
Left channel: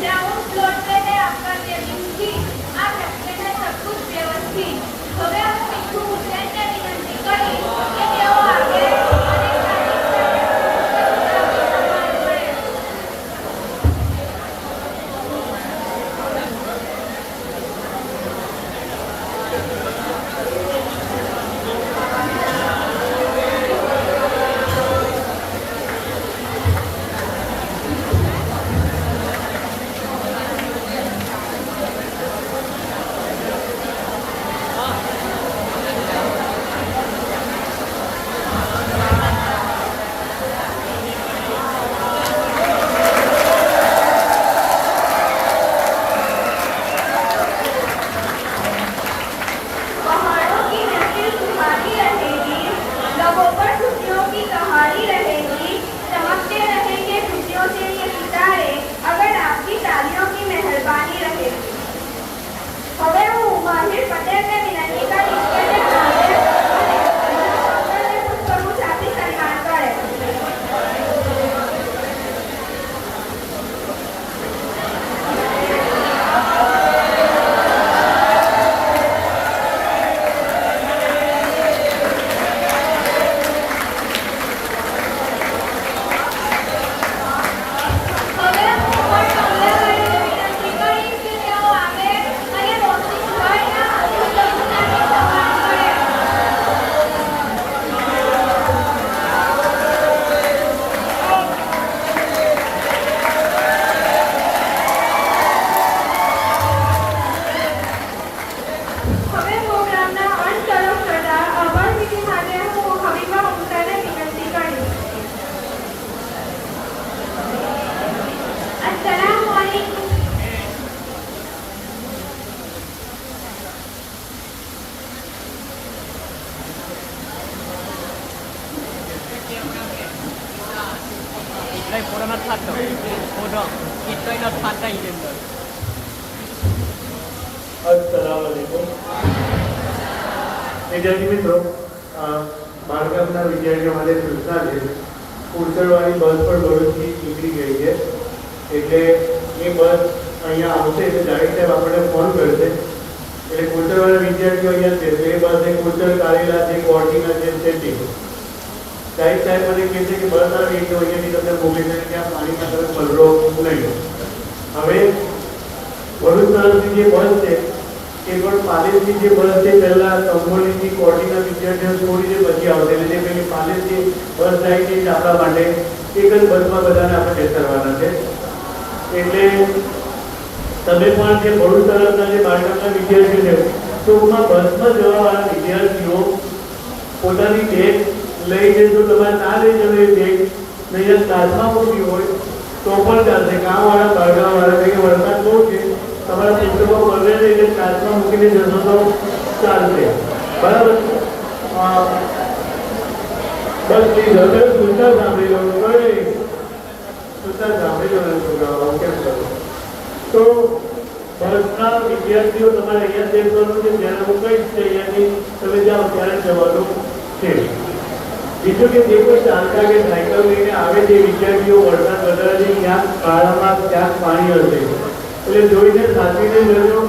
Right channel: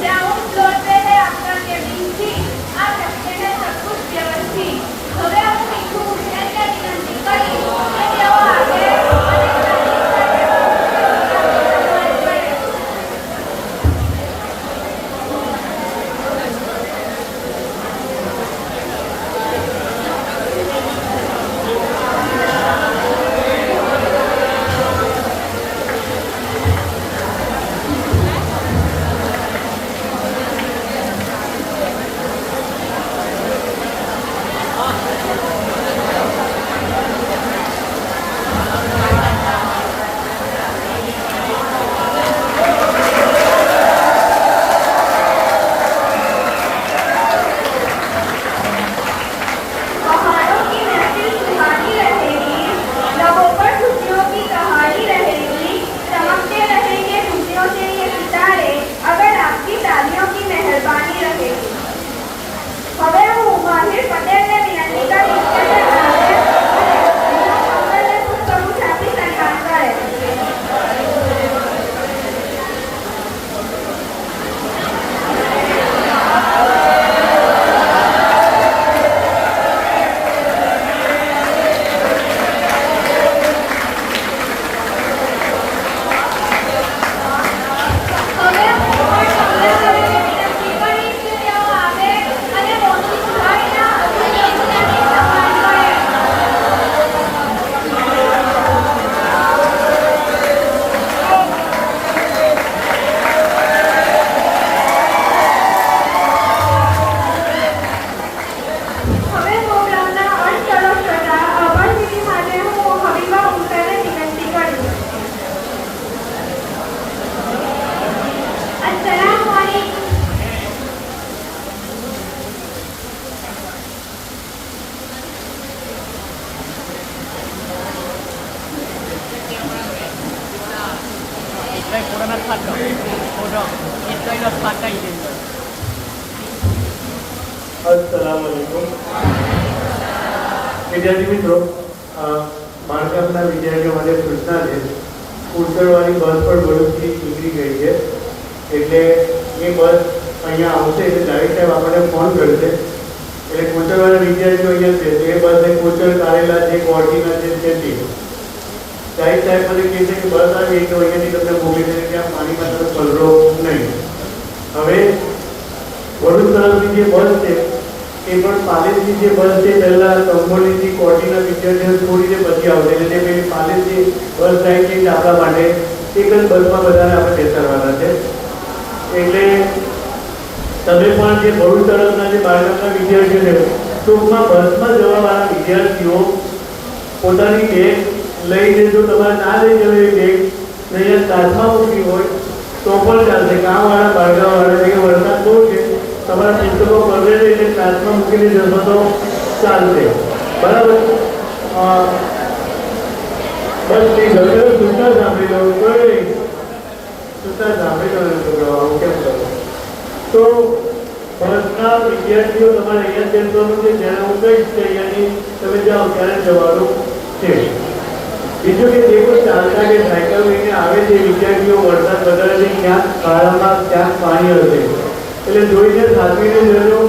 ग्राउंड फ्लोर पे है आपका केबिन सी। आप रखते हैं सब कुछ व्यवस्थित। હવે હું શીખું એટલે વિનંતી કરી કે તેઓ આગે અને पहाड़ों की महफिल सुहानी रहेगी, लबों पर खुशियों की कहानी रहेगी, चमकते रहेंगे खुशियों से ये सितारे अगर आपकी तालियों की मेहरबानी रहेगी। હવે હું માહિર પટેલને વિનંતી કરીશ કે તે આવે અને અમને ખૂબ પ્રમુખ આપી સન્માન કરે। હવે હું પણ તમને વિનંતી કરીશ કે તેઓ આવે અને મોસીભાઈના અભિનંદનથી સન્માન કરે। હવે પ્રોગ્રામના અંત તરફ જતા આભાર વિધિ માટે હું હબીબા ઉમરાને વિનંતી કરીશ। अस्सलाम वालेकुम। Itlai pura na fatto. Foto. Itlai not fatta idendo. अस्सलाम वालेकुम। વિદ્યાર્થી મિત્રો, બાળકાના વિદ્યાર્થીઓ માટે સૂચના છે. કુરતરવાળી બસ પણ ભરૂચથી નીકળી ગઈ છે, એટલે એ બસ અહીંયા આવશે એટલે ડાયરેક્ટ સાહેબ આપણને ફોન કરશે. એટલે કુરતરવાળા વિદ્યાર્થીઓ અહીંયા છે, એ બસને કુરતર કારેલા જે કોટીના છે ત્યાંથી ડાયરેક્ટ સાહેબ મને કહે છે કે બસ આવે એટલે અહીંયાથી તમને મોકલી દે કે આ પાણીમાં તમે પલરો નહીં. હવે ભરૂચ તરફની જે બસ છે એ પણ પાલેજની જે બસ છે પહેલાં કંબોલીથી કોટીના વિદ્યાર્થીઓ છોડીને પછી આવશે, એટલે જે પેલી પાલેજની બસ થાય છે આપણા માટે એક જ બસમાં બધાને આપણે બેસાડવાના છે. એટલે તમે પણ જે ભરૂચ તરફના જે બાળકના વિદ્યાર્થીઓ છે ટૂંકમાં બસમાં જવાવાળા વિદ્યાર્થીઓ પોતાની બેગ લઈને, જો તમારે ના લઈ જવી બેગ નહીં સાથમાં મૂકી હોય તો પણ ચાલશે. ગામવાળા બાળગાવાળા એ વરસાદ બહુ છે, તમારા પુસ્તકો ભરે છે એટલે સાથમાં મૂકીને જશો તો ચાલશે, બરાબર? બસ એ વગર સૂચના સાંભળી લો, સૂચના સાંભળી લો છોકરાઓ કેમ કરો. તો બસના વિદ્યાર્થીઓ તમારે અહીંયા જવાનું છે, જ્યારે હું કહીશ અહીંયાની તમે જાઓ ત્યારે જવાનું છે. બીજું કે જે કોઈ ચાલતા કે સાયકલ લઈને આવે છે વિદ્યાર્થીઓ, વરસાદ વધારે છે, ક્યાંક ખાડામાં ક્યાંક પાણી હશે, એટલે જોઈને સાચવીને જજો.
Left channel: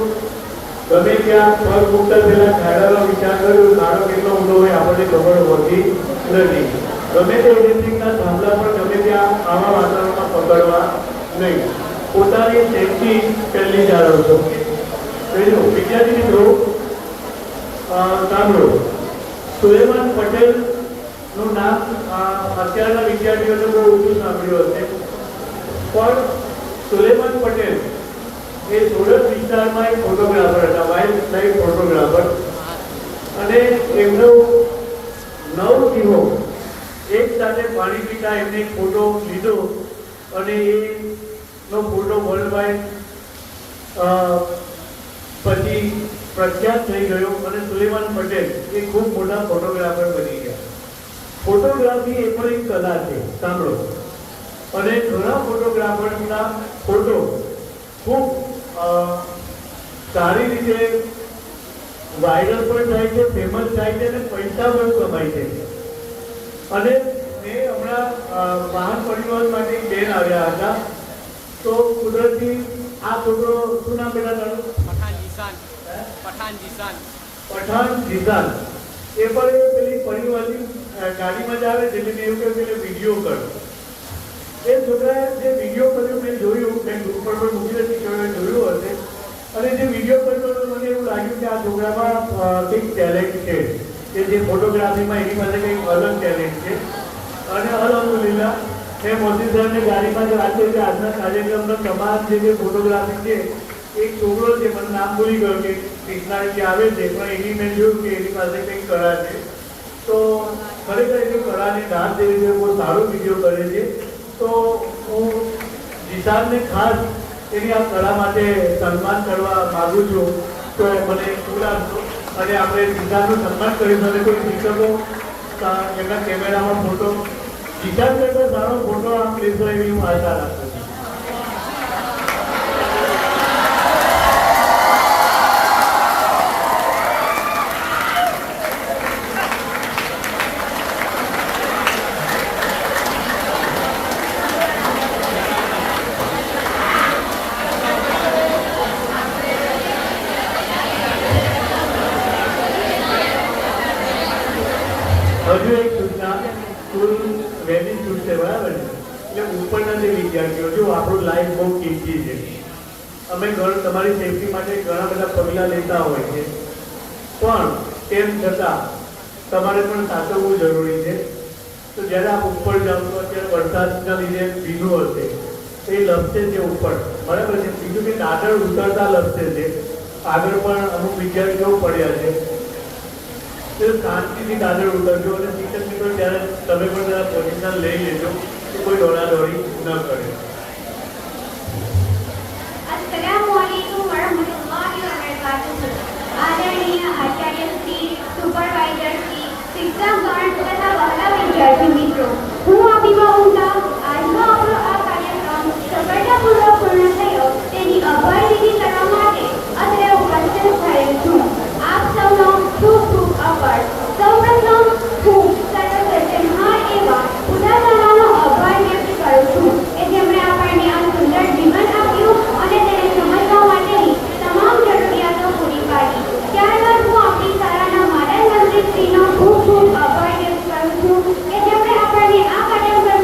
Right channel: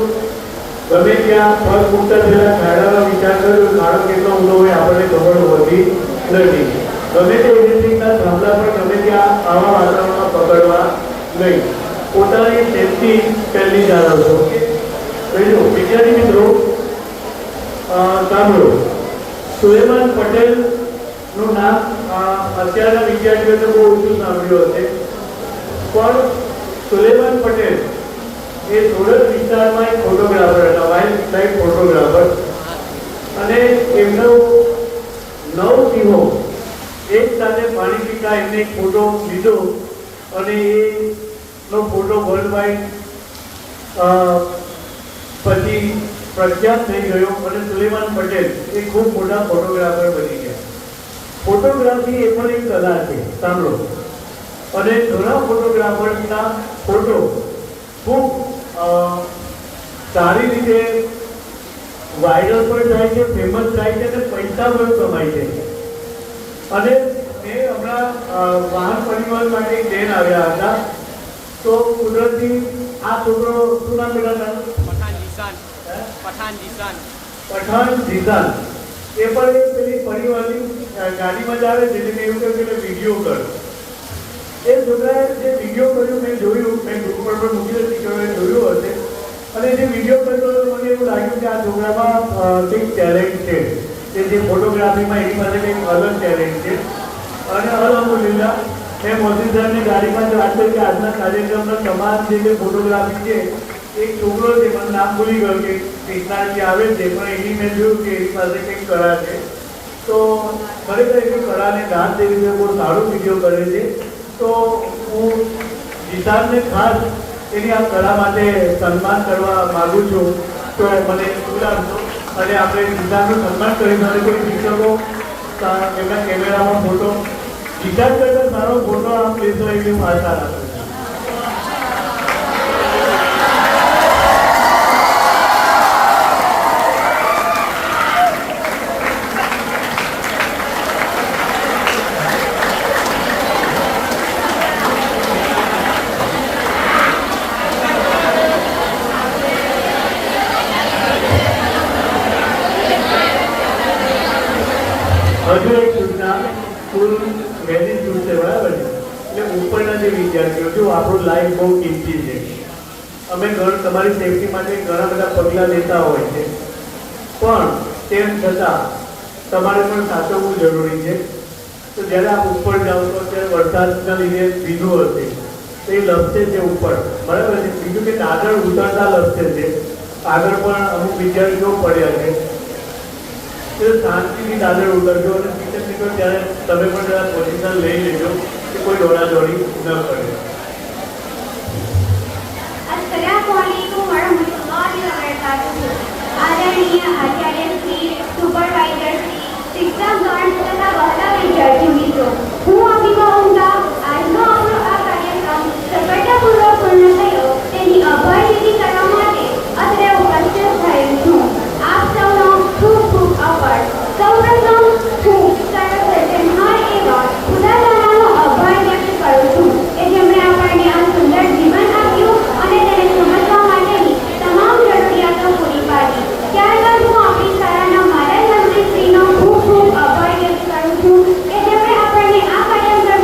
ગમે ત્યાં પગ મૂકતા પહેલા ખાડાનો વિચાર કર્યો, ખાડો કેટલો ઊંડો હોય આપણને ખબર હોતી નથી. ગમે તે ઇલેક્ટ્રિકના થાંભલા પણ ગમે ત્યાં આવા વાતાવરણમાં પકડવા નહીં. પોતાની સેફટી પહેલી જાળવશો. બીજું વિદ્યાર્થી મિત્રો સાંભળો, સુલેમાન પટેલ નું નામ અત્યારના વિદ્યાર્થીઓને બહુ ઓછું સાંભળ્યું હશે, પણ સુલેમાન પટેલ એ સુરત વિસ્તારમાં એક ફોટોગ્રાફર હતા, વાઇલ્ડ લાઈફ ફોટોગ્રાફર, અને એમનો 9 દિવસો એક સાથે પાણી પીતા એમને એક ફોટો લીધો અને એનો ફોટો વર્લ્ડ વાઇડ પછી પ્રખ્યાત થઈ ગયો અને સુલેમાન પટેલ એ ખૂબ મોટા ફોટોગ્રાફર બની ગયા. ફોટોગ્રાફી એ પણ એક કલા છે, સાંભળો. અને ઘણા ફોટોગ્રાફર્સના ફોટો ખૂબ સારી રીતે વાયરલ પણ થાય છે, ફેમસ થાય છે અને પૈસા પણ કમાય છે. અને મેં હમણાં વાહન પરિવહન માટે એક બેન આવ્યા હતા, તો કુદરતી પઠાણ જીતાન એ પણ એક પેલી પરિવારની ગાડીમાં જ આવે છે જેને એવું કહ્યું કે વિડીયો કરો. એ છોકરાએ જે વિડીયો કર્યો મેં જોયું, મેં ગ્રુપ પર પણ મૂકી હતી કે મેં જોયું હશે, અને જે વિડીયો કરતો હતો મને એવું લાગ્યું કે આ છોકરામાં કંઈક ટેલેન્ટ છે, કે જે ફોટોગ્રાફીમાં એની પાસે કંઈક અલગ ટેલેન્ટ છે. અને અલહમદુલિલ્લાહ મેં મોદી સાહેબની ગાડીમાં વાત કરી કે આજના કાર્યક્રમમાં તમામ જે ફોટોગ્રાફી છે, એક છોકરો છે, મને નામ ભૂલી ગયો કે કૃષ્ણાજી આવે છે, પણ એની મેં જોયું કે એની પાસે કંઈક કળા છે. તો ખરેખર એની કળાને દાન દે રીતે બહુ સારો વિડીયો કરે છે. તો હું જીતાનને ખાસ એની આ કળા માટે સન્માન કરવા માગું છું. તો મને પૂરા અને આપણે જીતાનનું સન્માન કરીશું. અને કોઈ શિક્ષકો એમના કેમેરામાં ફોટો જીતાન કરતા સારો ફોટો આપ લેશો એવી હું આશા રાખું છું. હજુ એક સૂચના, સ્કૂલ વહેલી સ્કૂલ છે બરાબર છે, એટલે ઉપરના જે વિદ્યાર્થીઓ જો આપણું લાઈફ બહુ કિંમતી છે. અમે તમારી સેફટી માટે ઘણા બધા પગલાં લેતા હોય છે, પણ તેમ છતાં તમારે પણ સાચવવું જરૂરી છે. તો જ્યારે આપ ઉપર જાઓ તો ત્યાં વરસાદના લીધે ભીનું હશે તો એ લપસે છે ઉપર, બરાબર છે. બીજું કે આગળ ઉતરતા લપસે છે, આગળ પણ અમુક વિદ્યાર્થીઓ પડ્યા છે. શાંતિથી દાદર ઉતરજો અને શિક્ષક મિત્રો ત્યારે તમે પણ જરા પોઝિશન લઈ લેજો કે કોઈ દોડાદોડી ન કરે. अस्सलामुअलैकुम वरहमतुल्लाहि वबरकातुहू. आदरणीय आचार्य श्री, सुपरवाइजर श्री, શિક્ષકગણ તથા વહાલા વિદ્યાર્થી મિત્રો, હું અભિનવ ઊંઝા આજનો આપણો આ કાર્યક્રમ સફળતાપૂર્વક પૂર્ણ થયો તેની આભારવિધિ કરવા માટે અત્રે ઉપસ્થિત થયેલ છું. આપ સૌનો ખૂબ ખૂબ આભાર. સૌપ્રથમ હું સર્વપ્રથમહાર એવા ખુદાતાલાનો આભાર વ્યક્ત કરું છું કે જેમણે આપણને આ સુંદર જીવન આપ્યું અને તેને સમજવા માટેની તમામ જરૂરિયાતો પૂરી પાડી. ત્યારબાદ હું આપણી શાળાના મારા મંત્રીશ્રીનો ખૂબ ખૂબ આભાર વ્યક્ત કરું છું કે જેમણે આપણને આ કાર્યક્રમ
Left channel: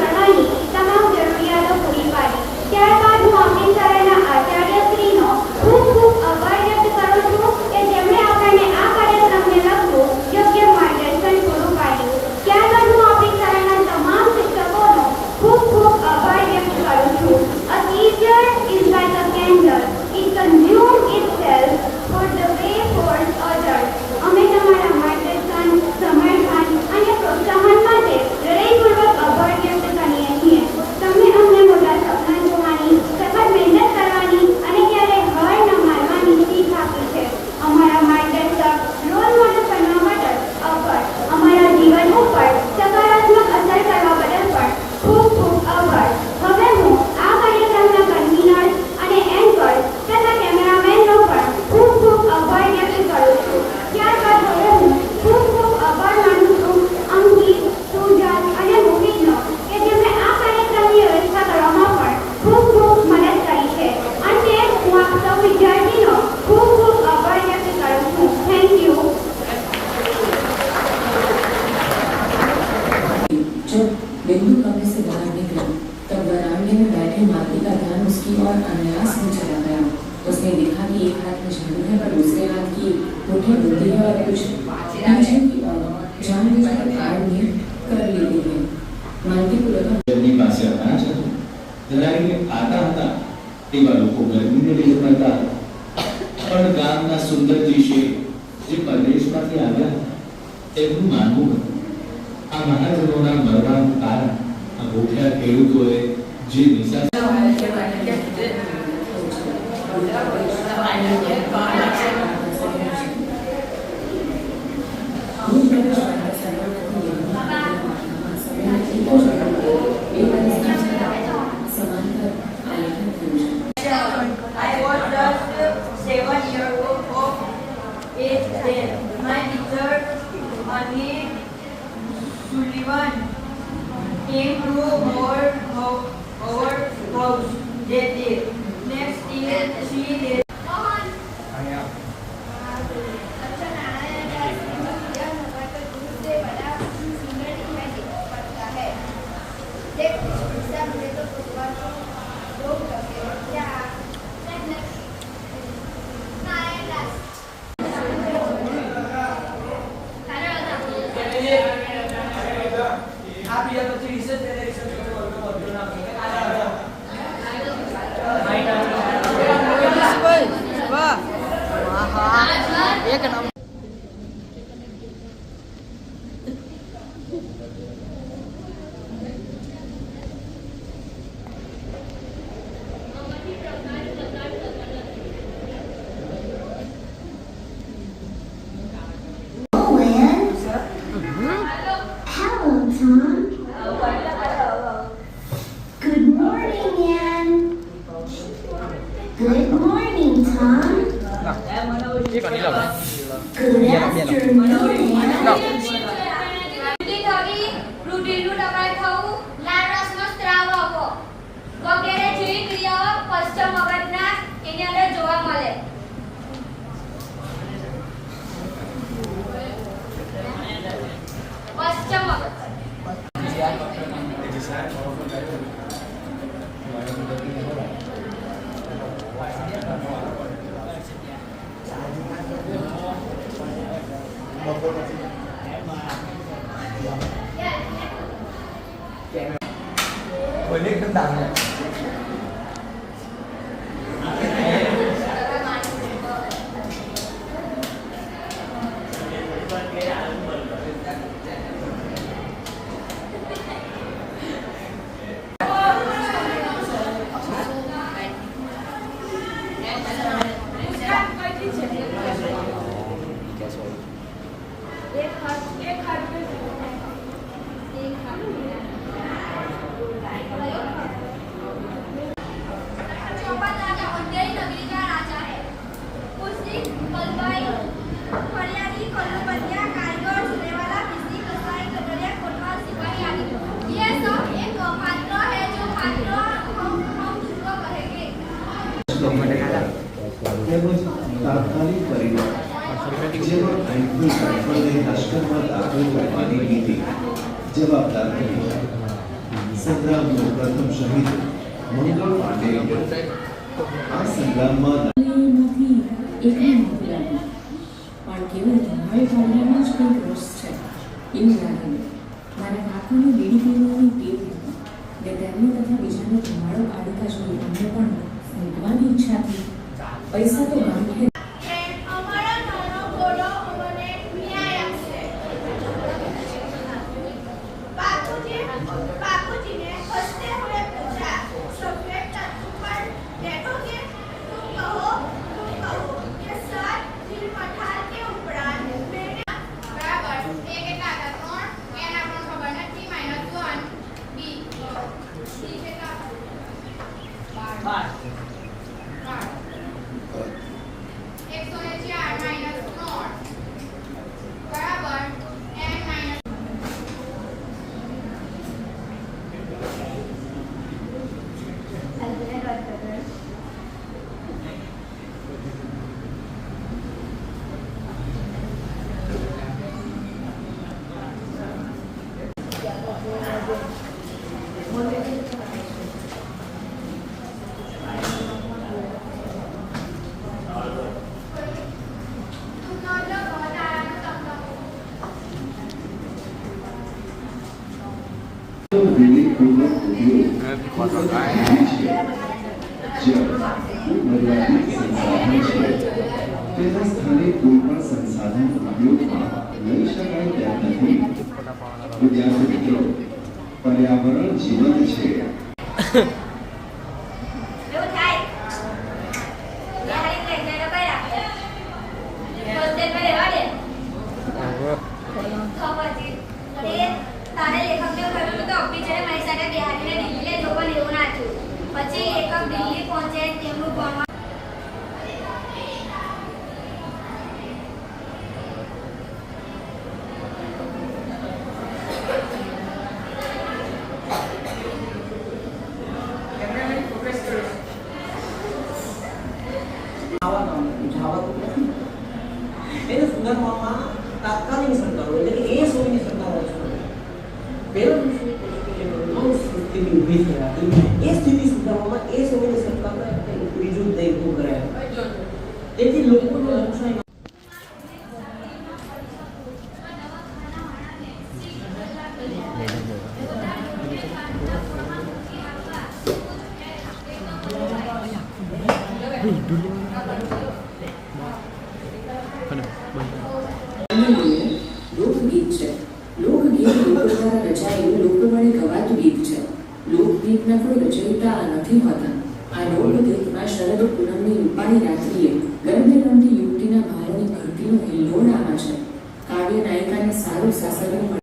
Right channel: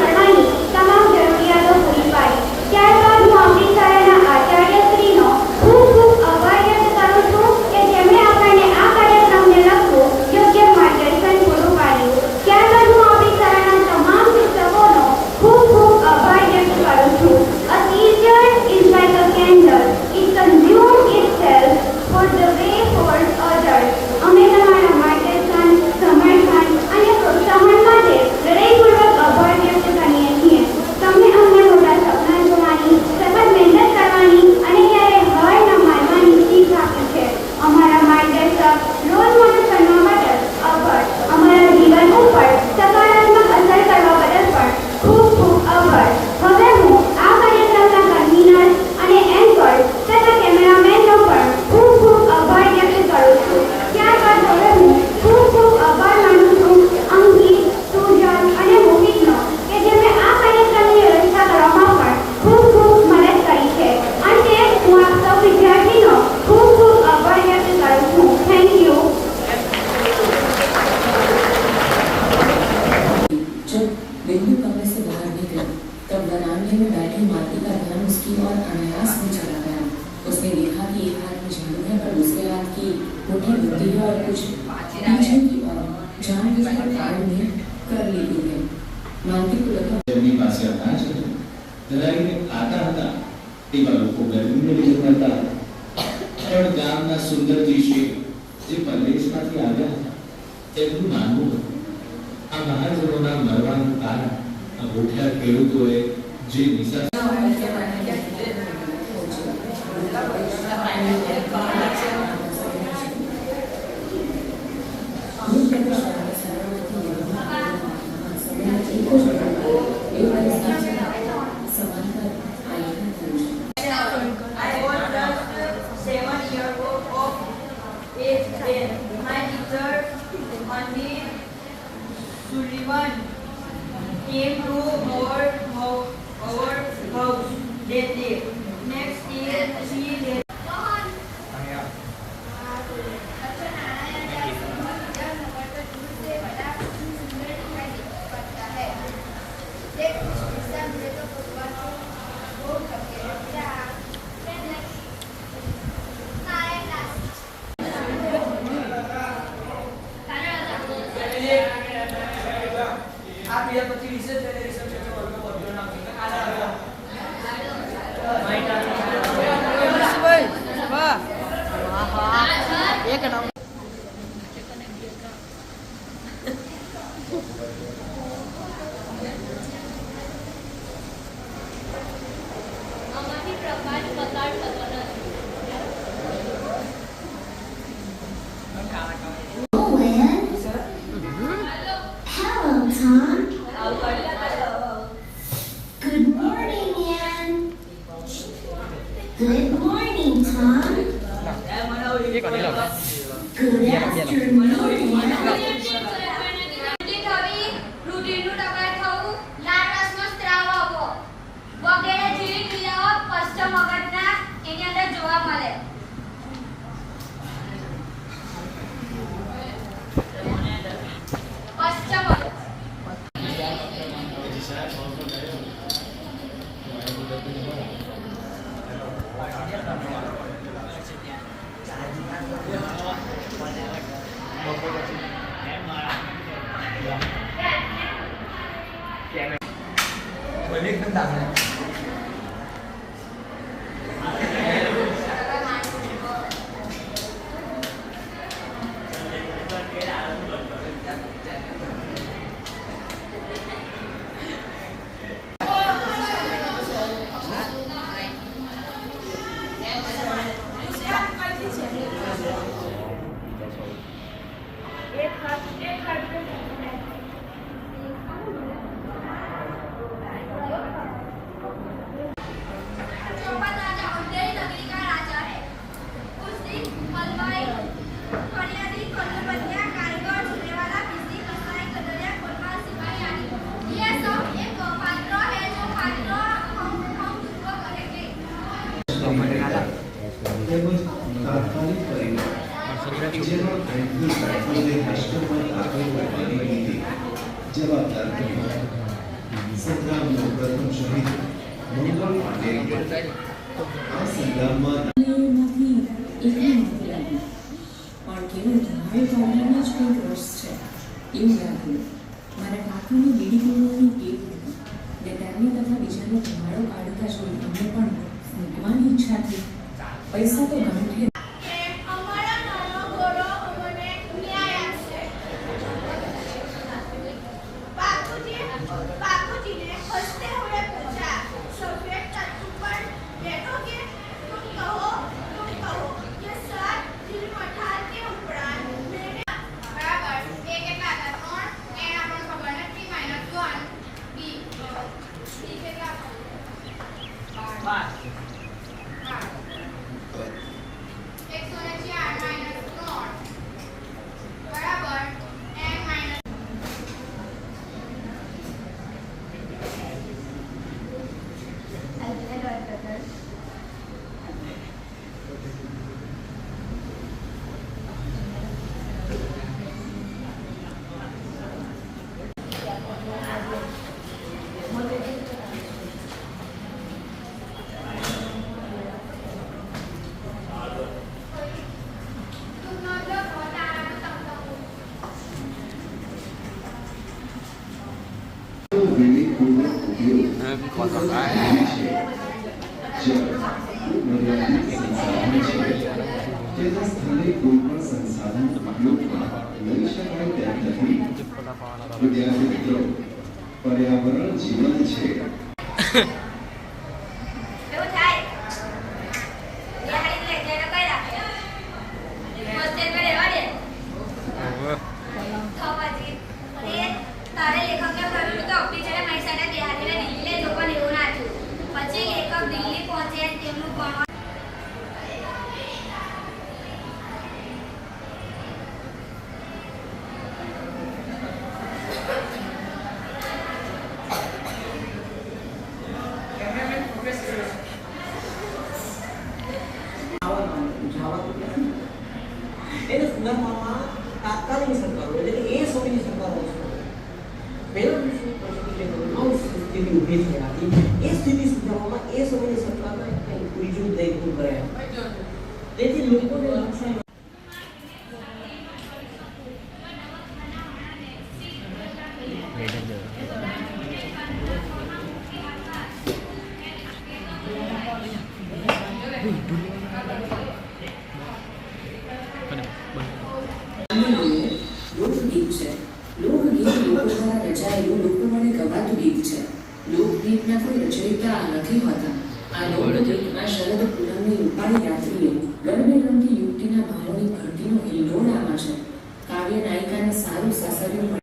કરવાની તમામ જરૂરિયાતો પૂરી પાડી. ત્યારબાદ હું આપણી શાળાના આચાર્યશ્રીનો ખૂબ ખૂબ આભાર વ્યક્ત કરું છું કે જેમણે આપણને આ કાર્યક્રમને લગતું યોગ્ય માર્ગદર્શન પૂરું પાડ્યું. ત્યારબાદ હું આપણી શાળાના તમામ શિક્ષકોનો ખૂબ ખૂબ આભાર વ્યક્ત કરું છું. A teacher is like a candle. It consumes itself for the way towards others. અમે તમારા માર્ગદર્શન, સમર્થન અને પ્રોત્સાહન માટે હૃદયપૂર્વક આભાર વ્યક્ત કરીએ છીએ. તમે અમને મોટા સપના જોવાની, સખત મહેનત કરવાની અને ક્યારેય હાર ન માનવાની શીખ આપી છે. અમારા માર્ગદર્શક, રોલ મોડલ બનવા બદલ આભાર. અમારા જીવન ઉપર સકારાત્મક અસર કરવા બદલ પણ ખૂબ ખૂબ આભાર. હવે હું આ કાર્યક્રમના કન્વીનર અને એન્કર તથા કેમેરામેનનો પણ ખૂબ ખૂબ આભાર વ્યક્ત કરું છું. ત્યારબાદ હવે હું ખૂબ ખૂબ આભાર માનું છું અંકિત, સુજલ અને મોહિતનો કે જેમણે આ કાર્યક્રમની વ્યવસ્થા કરવામાં પણ ખૂબ ખૂબ મદદ કરી છે. અંતે હું આપ સૌ વિદ્યાર્થીનો ખૂબ ખૂબ આભાર વ્યક્ત કરું છું. Thank you. जब बिंदु कमरे से बाहर निकला तब वरांडे में बैठे माली का ध्यान उसकी ओर अनायास में चला गया. उसने देखा कि एक हाथ में झाड़ू है पर दूसरे हाथ की मुट्ठी होती है और कुछ पीछे की ओर जानबूझकर कार में कर लेती है. मालती को लगा જેમની પાસે અનાજ હતું ધરાવીને ખાતા હતા તેવા લોકો ગરમીને લીધે મળતા હતા. પણ ગામના સુંદરજી શેખ જે પરદેશમાંથી આવ્યા હતા તેમનું માનવું હતું આ મહાજનોના મરવાનું કારણ આ ભૂખ્યા ખેડૂતોએ જે Nisha I was just 7 years of age then. My teacher, Anil Sullivan, came to our house that day. Next year, she did. એક નામ આમાંથી પ્રકાશ પસાર થતો નથી. Oh, Anne. Hello, Tom. Good morning, Anne. Good morning, Tom. Good afternoon, Anne. રૂધિરનું દબાણ થવું, લાળ રસનો સ્ત્રાવ આવવો વગેરે જેવી ક્રિયાઓ પશ્ચિમ મગજના એની અંદર જોવા મળે. પશ્ચિમ મગજ તેમજ તાત્કાલિક પરિવાર જેમાં આઈપી સાયકલને લશ્કરમાં દાખલ કરવાની નીતિ જવાબદાર કરી. સંગ્રામનો પ્રથમ શહીદ મંગળ પાંડે આ સંગ્રામમાં માંથી એકને નહોતું લાગ્યું, પણ કેવળ ધમાલ પાડવામાં જ કંઈક રસ છે એવું લાગ્યું. મારા કાકાને બીડી પીવાની ટેવ હતી ને તેમને તથા બીજાને ધમાડો કાઢતા જોઈ અમને પણ મૂકવાની ઈચ્છા થઈ. પૈસા તો ગાંઠે અમારો નાનો ઘોડો અમને ન્યાય આપશે. બાપુજીને હસતે હુએ પૂછા, સફેદ तख्त पर बैठोगे? तुम कहो कि सर दिल मठाल के उपरांत मैंने बराबर ए કેટલા હતા 3 એના પણ ખબર નથી -1 બી સી કેટલા 12 વિવેકપૂર્વક ઉપયોગ મર્યાદિત સંસાધન છે તેના સ્થાને કોઈ પણ સંસાધન ઉપયોગમાં લઈ શકાય તેમ નથી. વિદ્યાર્થી મિત્રો, પર્યાવરણ જીવંત છે. એવું થાય યારી લઈ જઈને બહાર આપે હોસ્ટેલ માં રહેવા દે તો પછી એ તારે લેખકને કહ્યું કે ઓફિસરે મારી સાથે બિહારીને દિલ્હી લઈ જવો લેવું ના થયું. પછી લેખક દિલ્હી પહોંચે તેમનું ભણવા એને સુધારવામાં તાત્કાલિક સરકારો એટલે કે એ સોવીની સરકારો પહેલો સ્થિતિ ઊભી થઈ હતી. એ સ્થિતિ સુધારવામાં એ સોવીની સરકારને બીજું દૈતું કરે. તેથી લોકોને નુકસાન Ini. કોઈ રચયિતા નથી હોતા. આ લોકગીતમાં શરદ પૂનમની રૂપાળી રાત્રિએ ગરબે રમતી યુવતીના ભાવોની ઘંટીનો હિલ્લોળ આમાં છે. કાવ્ય નાયિકાને સારું સાસરિયું મળે.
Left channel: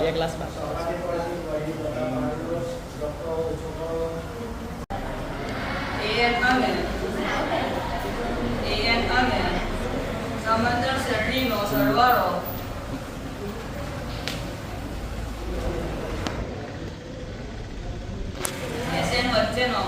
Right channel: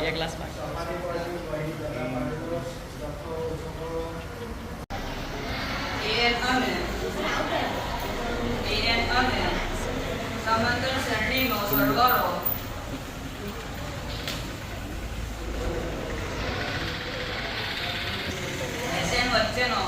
બે ગ્લાસ સમાંતર શ્રેણીનો સરવાળો SN વચ્ચેનો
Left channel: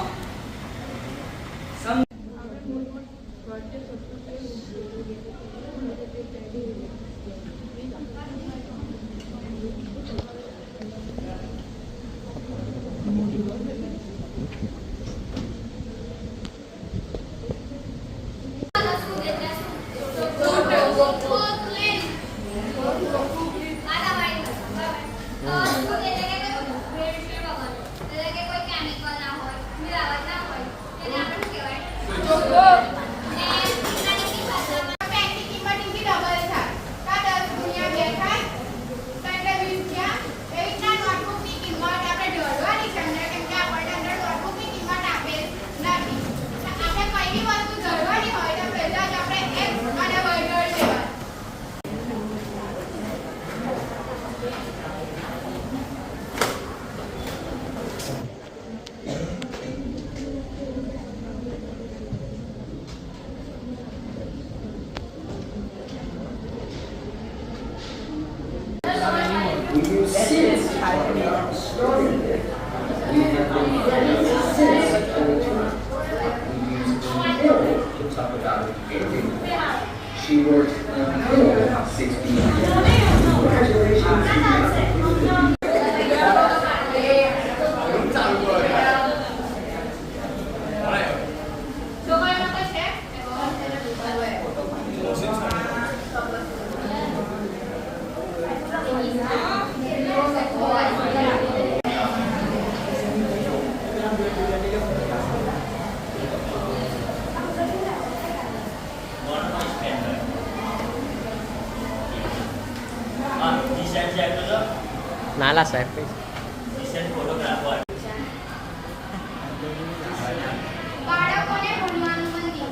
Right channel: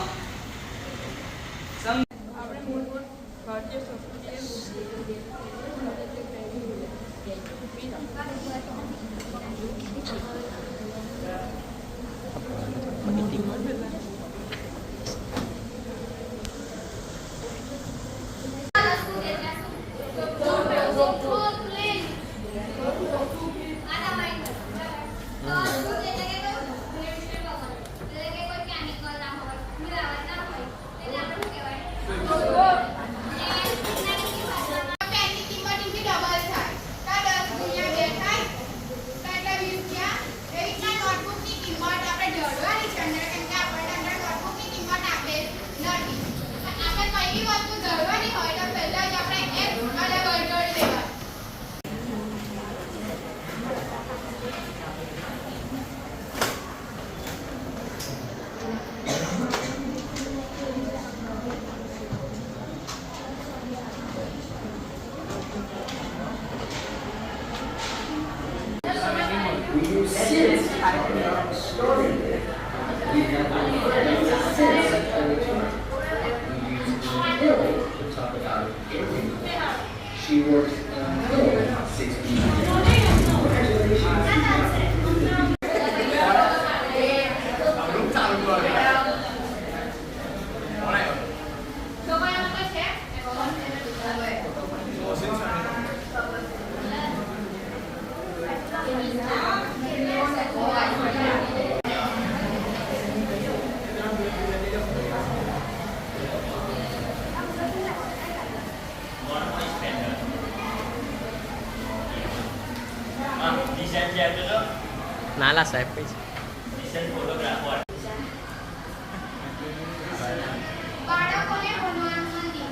She works for 60 years. નાલા સાહેબ પૈસા બાળકોને ભણવાનું મંદિર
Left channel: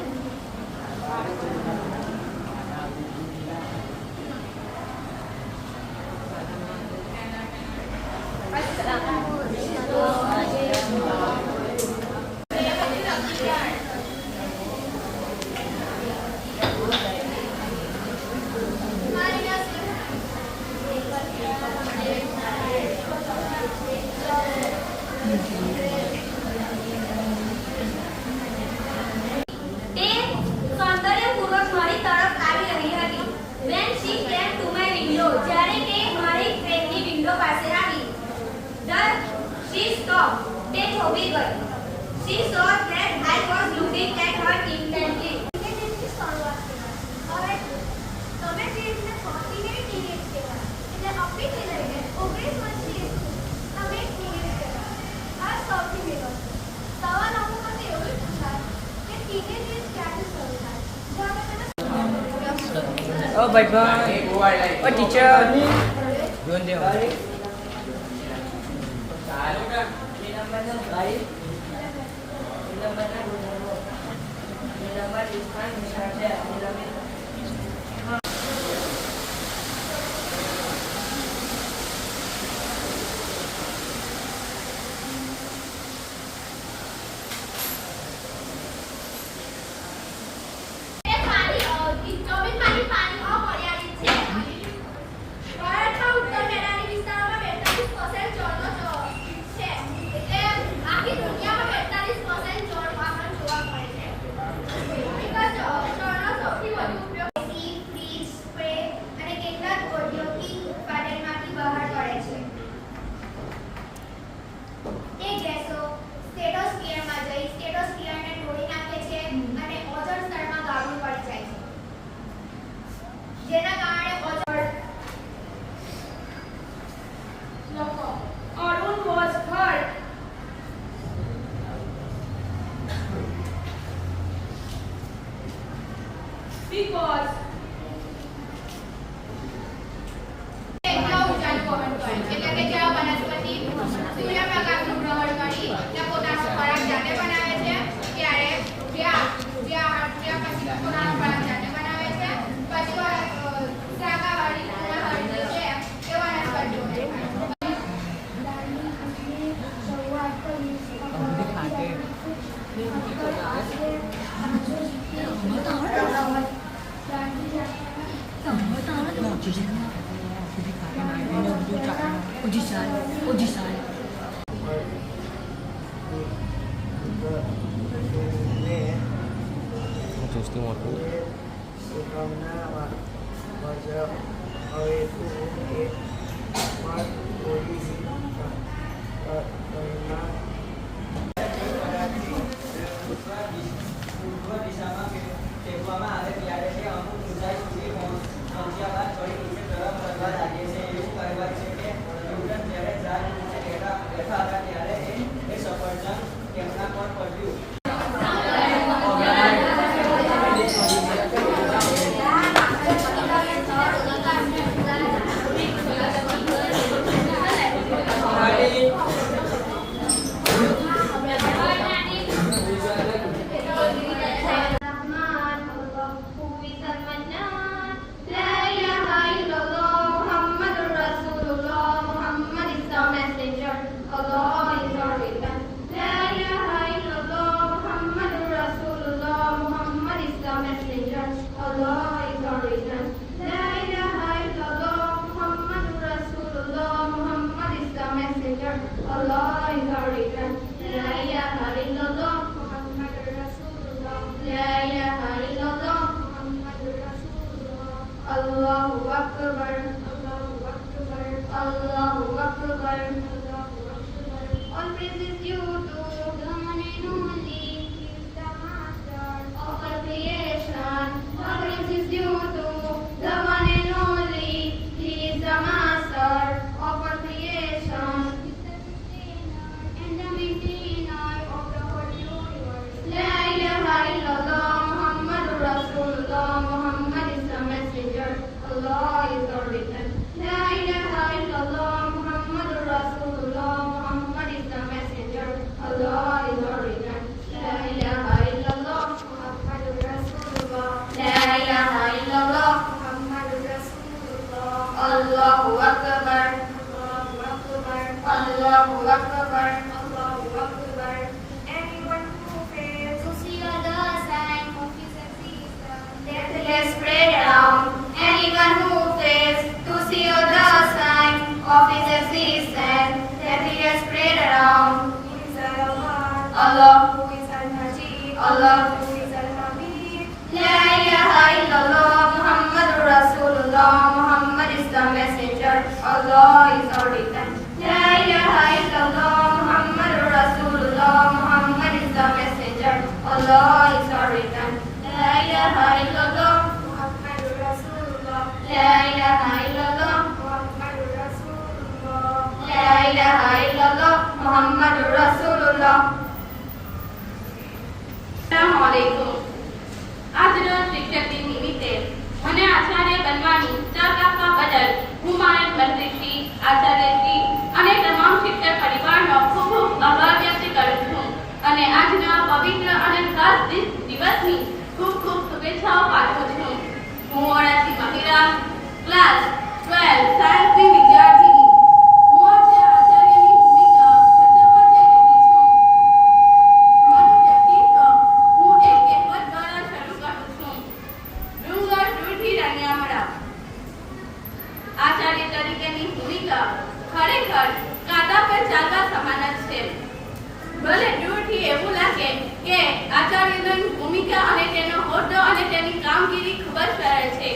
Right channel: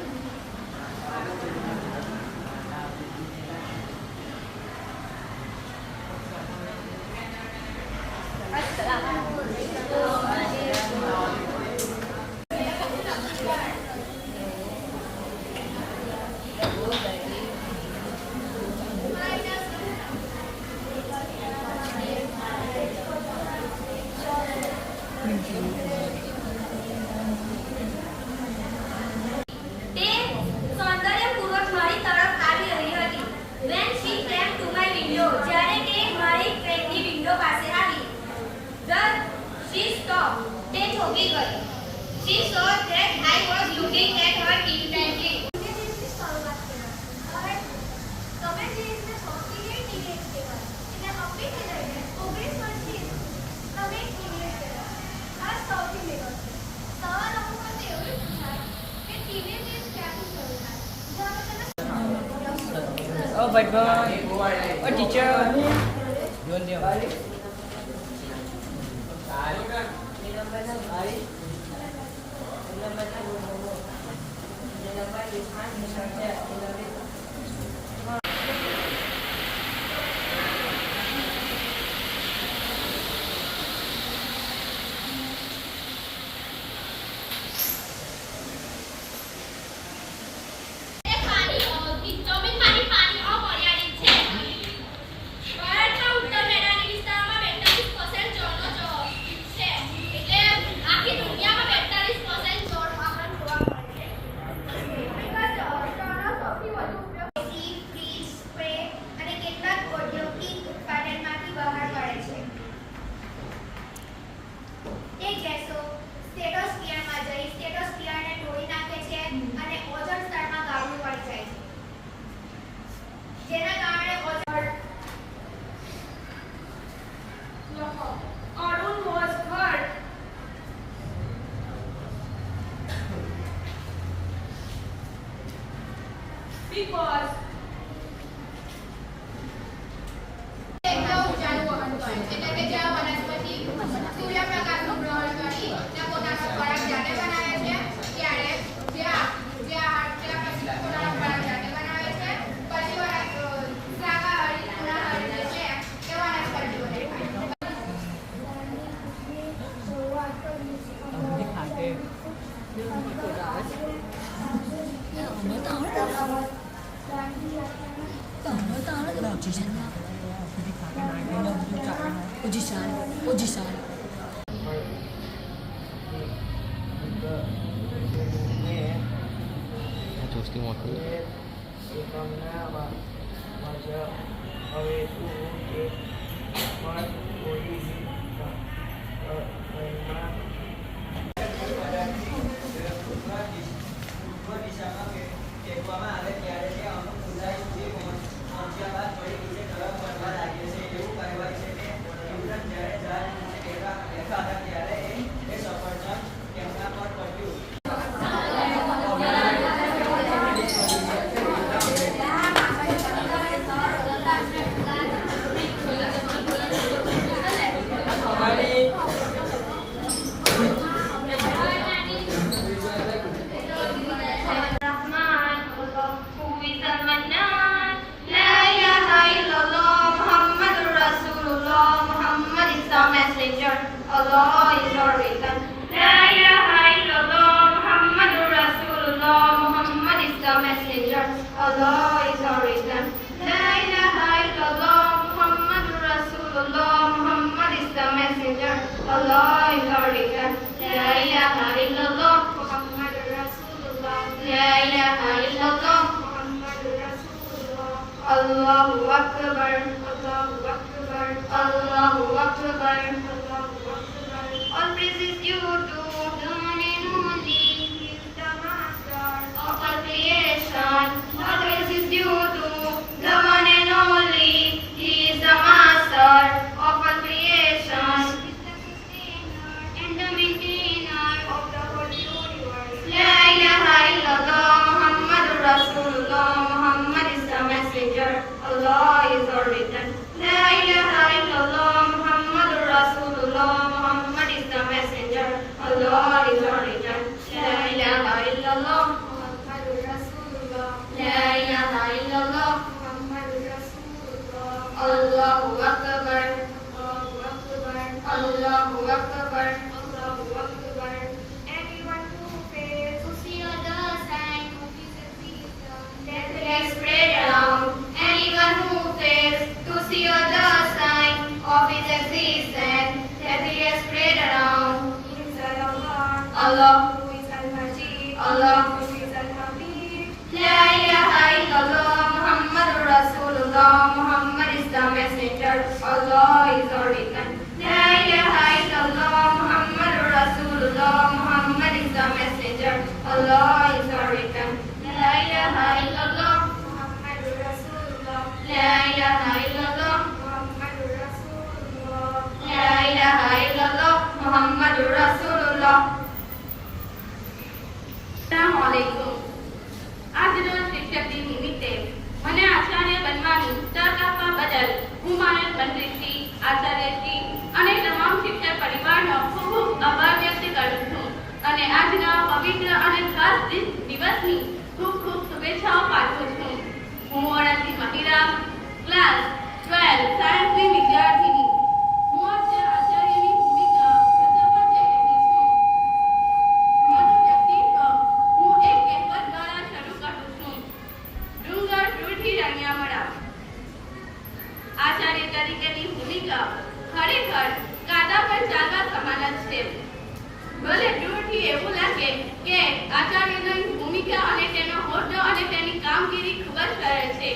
She saw that I was looking at her intently. તમે જે રીતે 38 ટીનેજ કહેવાય એટલે અપી થઈ લઈને 19 વર્ષથી તમે ટીનેજ કહેવાય આ સૌથી મેળો સવાલ અમુક મને એવું જ પૂછાય કે ટીનેજ એજ ક્યાંથી શરૂ થાય ઓ ભાઈ ઓ ટીચર જોન દે આખી દુનિયામાં 42% જોવા મળે છે. because ઊંચાનું વહન કરે એટલે કે જ્યાં વનસ્પતિ સૂર્યપ્રકાશનું ગ્રહણ કરી ને પોતાનો ખોરાક જાતે બનાવે છે ત્યારે જ્યાં પોતાનો ખોરાક જાતે બનાવે છે પછી શાકાહારી તૃણાહારી જે છે એ વનસ્પતિઓને ખાય. ચુસ્તી મોટી Allah is our reason. La ilaha illallah Muhammadur Rasulullah Muhammad is the messenger. Allah is our reason. La ilaha illallah Muhammadur Rasulullah Muhammad is the messenger. Allah is our reason. La ilaha illallah Muhammadur Rasulullah. La ilaha illallah Muhammadur Rasulullah. Allahu Akbar. Allahu Akbar. Allahu Akbar. All praise is due to the one and only. He is the master of all creation. All praise is due to the one and only. He is the master of all creation. He is the sustainer and the maintainer of the whole universe. La ilaha illallah Muhammadur Rasulullah Muhammad is the messenger. Allah is our reason. La ilaha illallah Muhammadur Rasulullah Muhammad is the messenger. Allah is our reason. La ilaha illallah Muhammadur Rasulullah. La ilaha illallah Muhammadur Rasulullah. Allahu Akbar. Allahu Akbar. Allahu Akbar. Allahu Akbar. Anyone who fails to see the sign of his existence, that is spread around. Anyone who fails to see the sign of his existence, that he has spread around. He is Allah, who is Al-Majid, Allah, who is Al-Hamid. La ilaha illallah Muhammadur Rasulullah Muhammad is the messenger. Allah is our reason. La ilaha illallah Muhammadur Rasulullah Muhammad is the messenger. Allah is our reason. La ilaha illallah Muhammadur Rasulullah. La ilaha illallah Muhammadur Rasulullah. La ilaha illallah Muhammadur Rasulullah. Assalamualaikum. આજરોજ શિક્ષક દિન નિમિત્તે મને આચાર્ય બનવાની તક આપવા બદલ હું મારા મંત્રીશ્રી, આચાર્યશ્રી અને તમામ શિક્ષક પરિવારનો ખૂબ ખૂબ આભાર વ્યક્ત કરું છું અને આજના પવિત્ર અને ખાસ દિવસની ખૂબ ખૂબ શુભેચ્છાઓ પાઠવું છું. હું વણાથી મહિરા ક્લાસ 12 સાયન્સની વિદ્યાર્થીની. હું આજે આચાર્યની ભૂમિકા ભજવવા જઈ રહી છું. મારું વ્યક્તિત્વ હું એક કહેવત દ્વારા શરૂ કરું છું. ડુંગર દૂરથી રણ્યા મળા. આચાર્ય તરીકેની ભૂમિકા ખરેખર કાંટા પર ચાલવા સમાન જ છે. ભલે દૂરથી એવું લાગે કે આચાર્યની ભૂમિકા અને તેનો હોદ્દો અને તેની કામગીરી ખૂબ જ સરળ છે,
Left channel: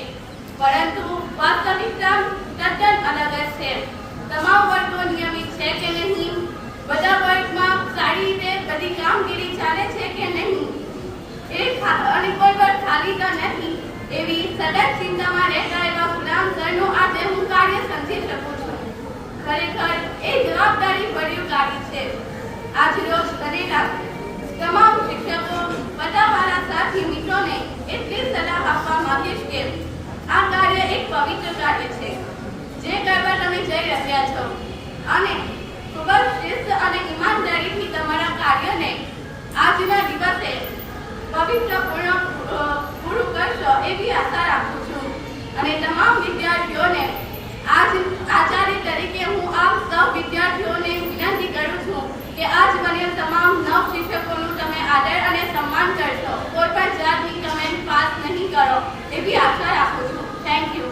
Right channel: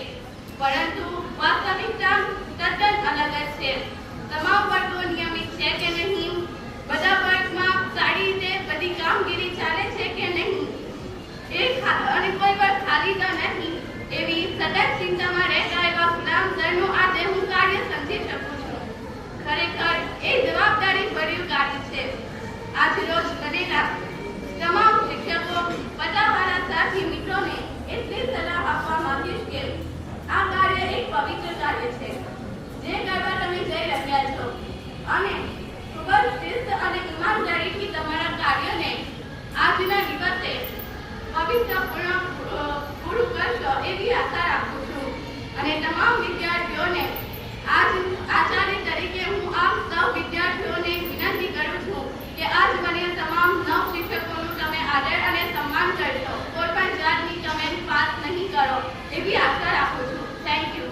પરંતુ વાસ્તવિકતા તદ્દન અલગ જ છે. તમામ વર્ગો નિયમિત છે કે નહીં, બધા વર્ગમાં સારી રીતે બધી કામગીરી ચાલે છે કે નહીં, અને કોઈ વર્ગ ખાલી તો નહીં, એવી સતત ચિંતામાં રહેતા એવા ગુલામ સરનું આજે હું કાર્ય સમજી શકું છું. ખરેખર એ જવાબદારી ભર્યું કાર્ય છે. આજ રોજ કરેલા તમામ શિક્ષકો, બધા મારા સાથી મિત્રોને એટલી સલાહ આપવા કરશો એવી આશા રાખું છું અને તમામ વિદ્યાર્થીઓને આજ આચાર્ય તરીકે હું આપ સૌ વિદ્યાર્થીઓને વિનંતી કરું છું કે આજ બનેલ તમામ નવ શિક્ષકોનું તમે આદર અને સન્માન કરશો, કોઈ પણ જાતની કમેન્ટ પાસ નહીં કરો એવી આશા રાખું છું. Thank you.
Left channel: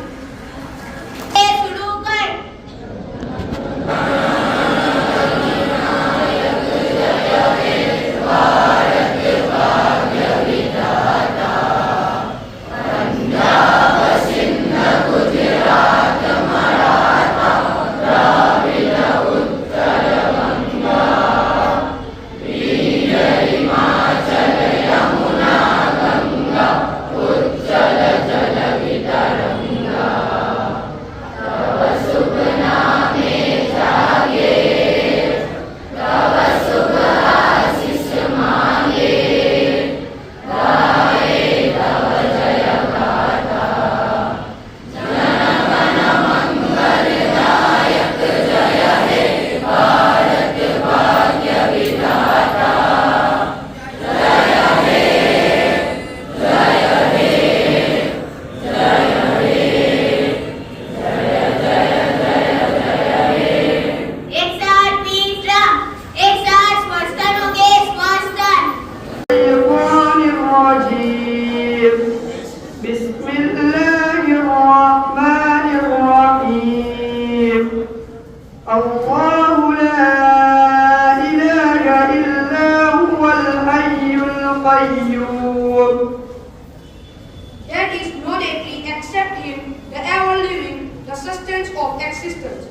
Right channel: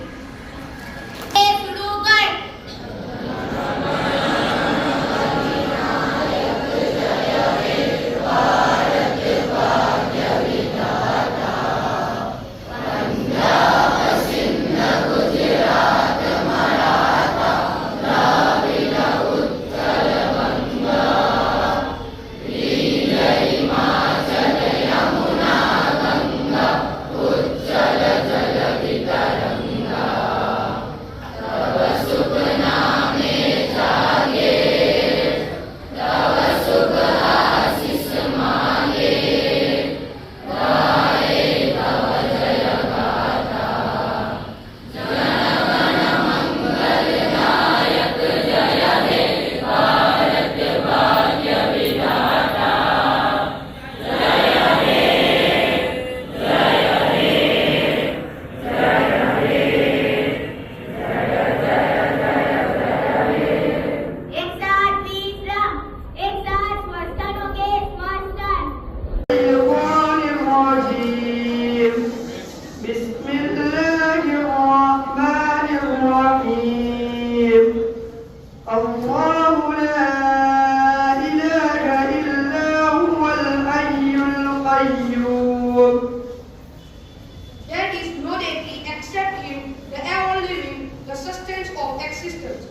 There is no deity except Him, the ever-living, the sustenance of existence.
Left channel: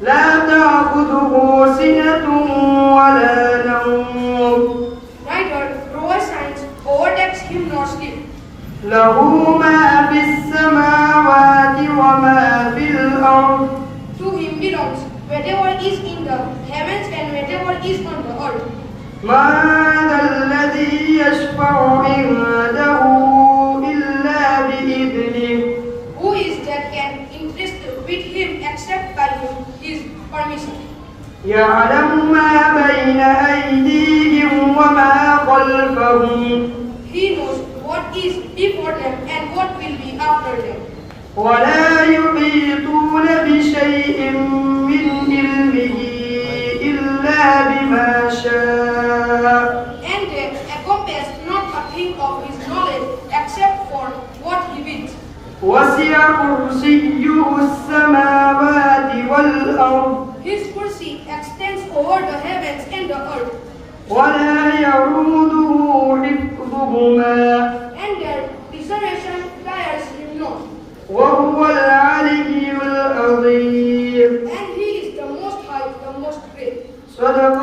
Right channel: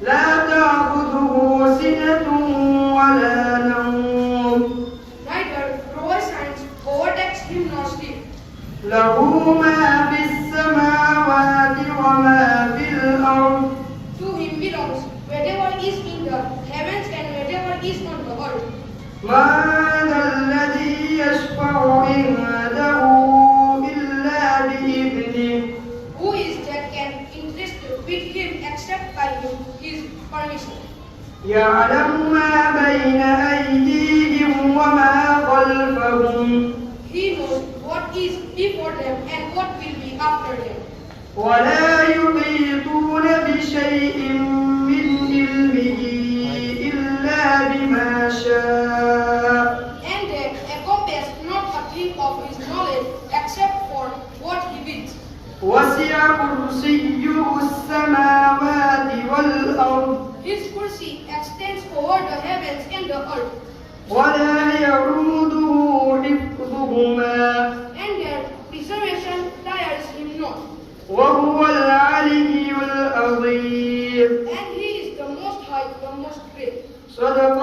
لا تأخذه سنة ولا نوم. Neither provisions overtakes Him nor sleep. له ما في السماوات وما في الأرض. To Him belongs whatever is in the heavens and whatever is on the earth. ما ذا الذي يشفع عنده إلا بإذنه. Who is that can interest with Him except by His permission? يعلم ما بين أيديهم وما خلفهم. He knows what is before them and what will be after them. ولا يحيطون بشيء من علمه إلا بما شاء. And they encompass not a thing of His knowledge except for what He wills. وسع كرسيه السماوات والأرض. His kursi extends over the heavens and the earth, ولا يعوده حفظهما. and their preservation tires Him not. وهو العلي العظيم. And He is the most high, the most great. صدق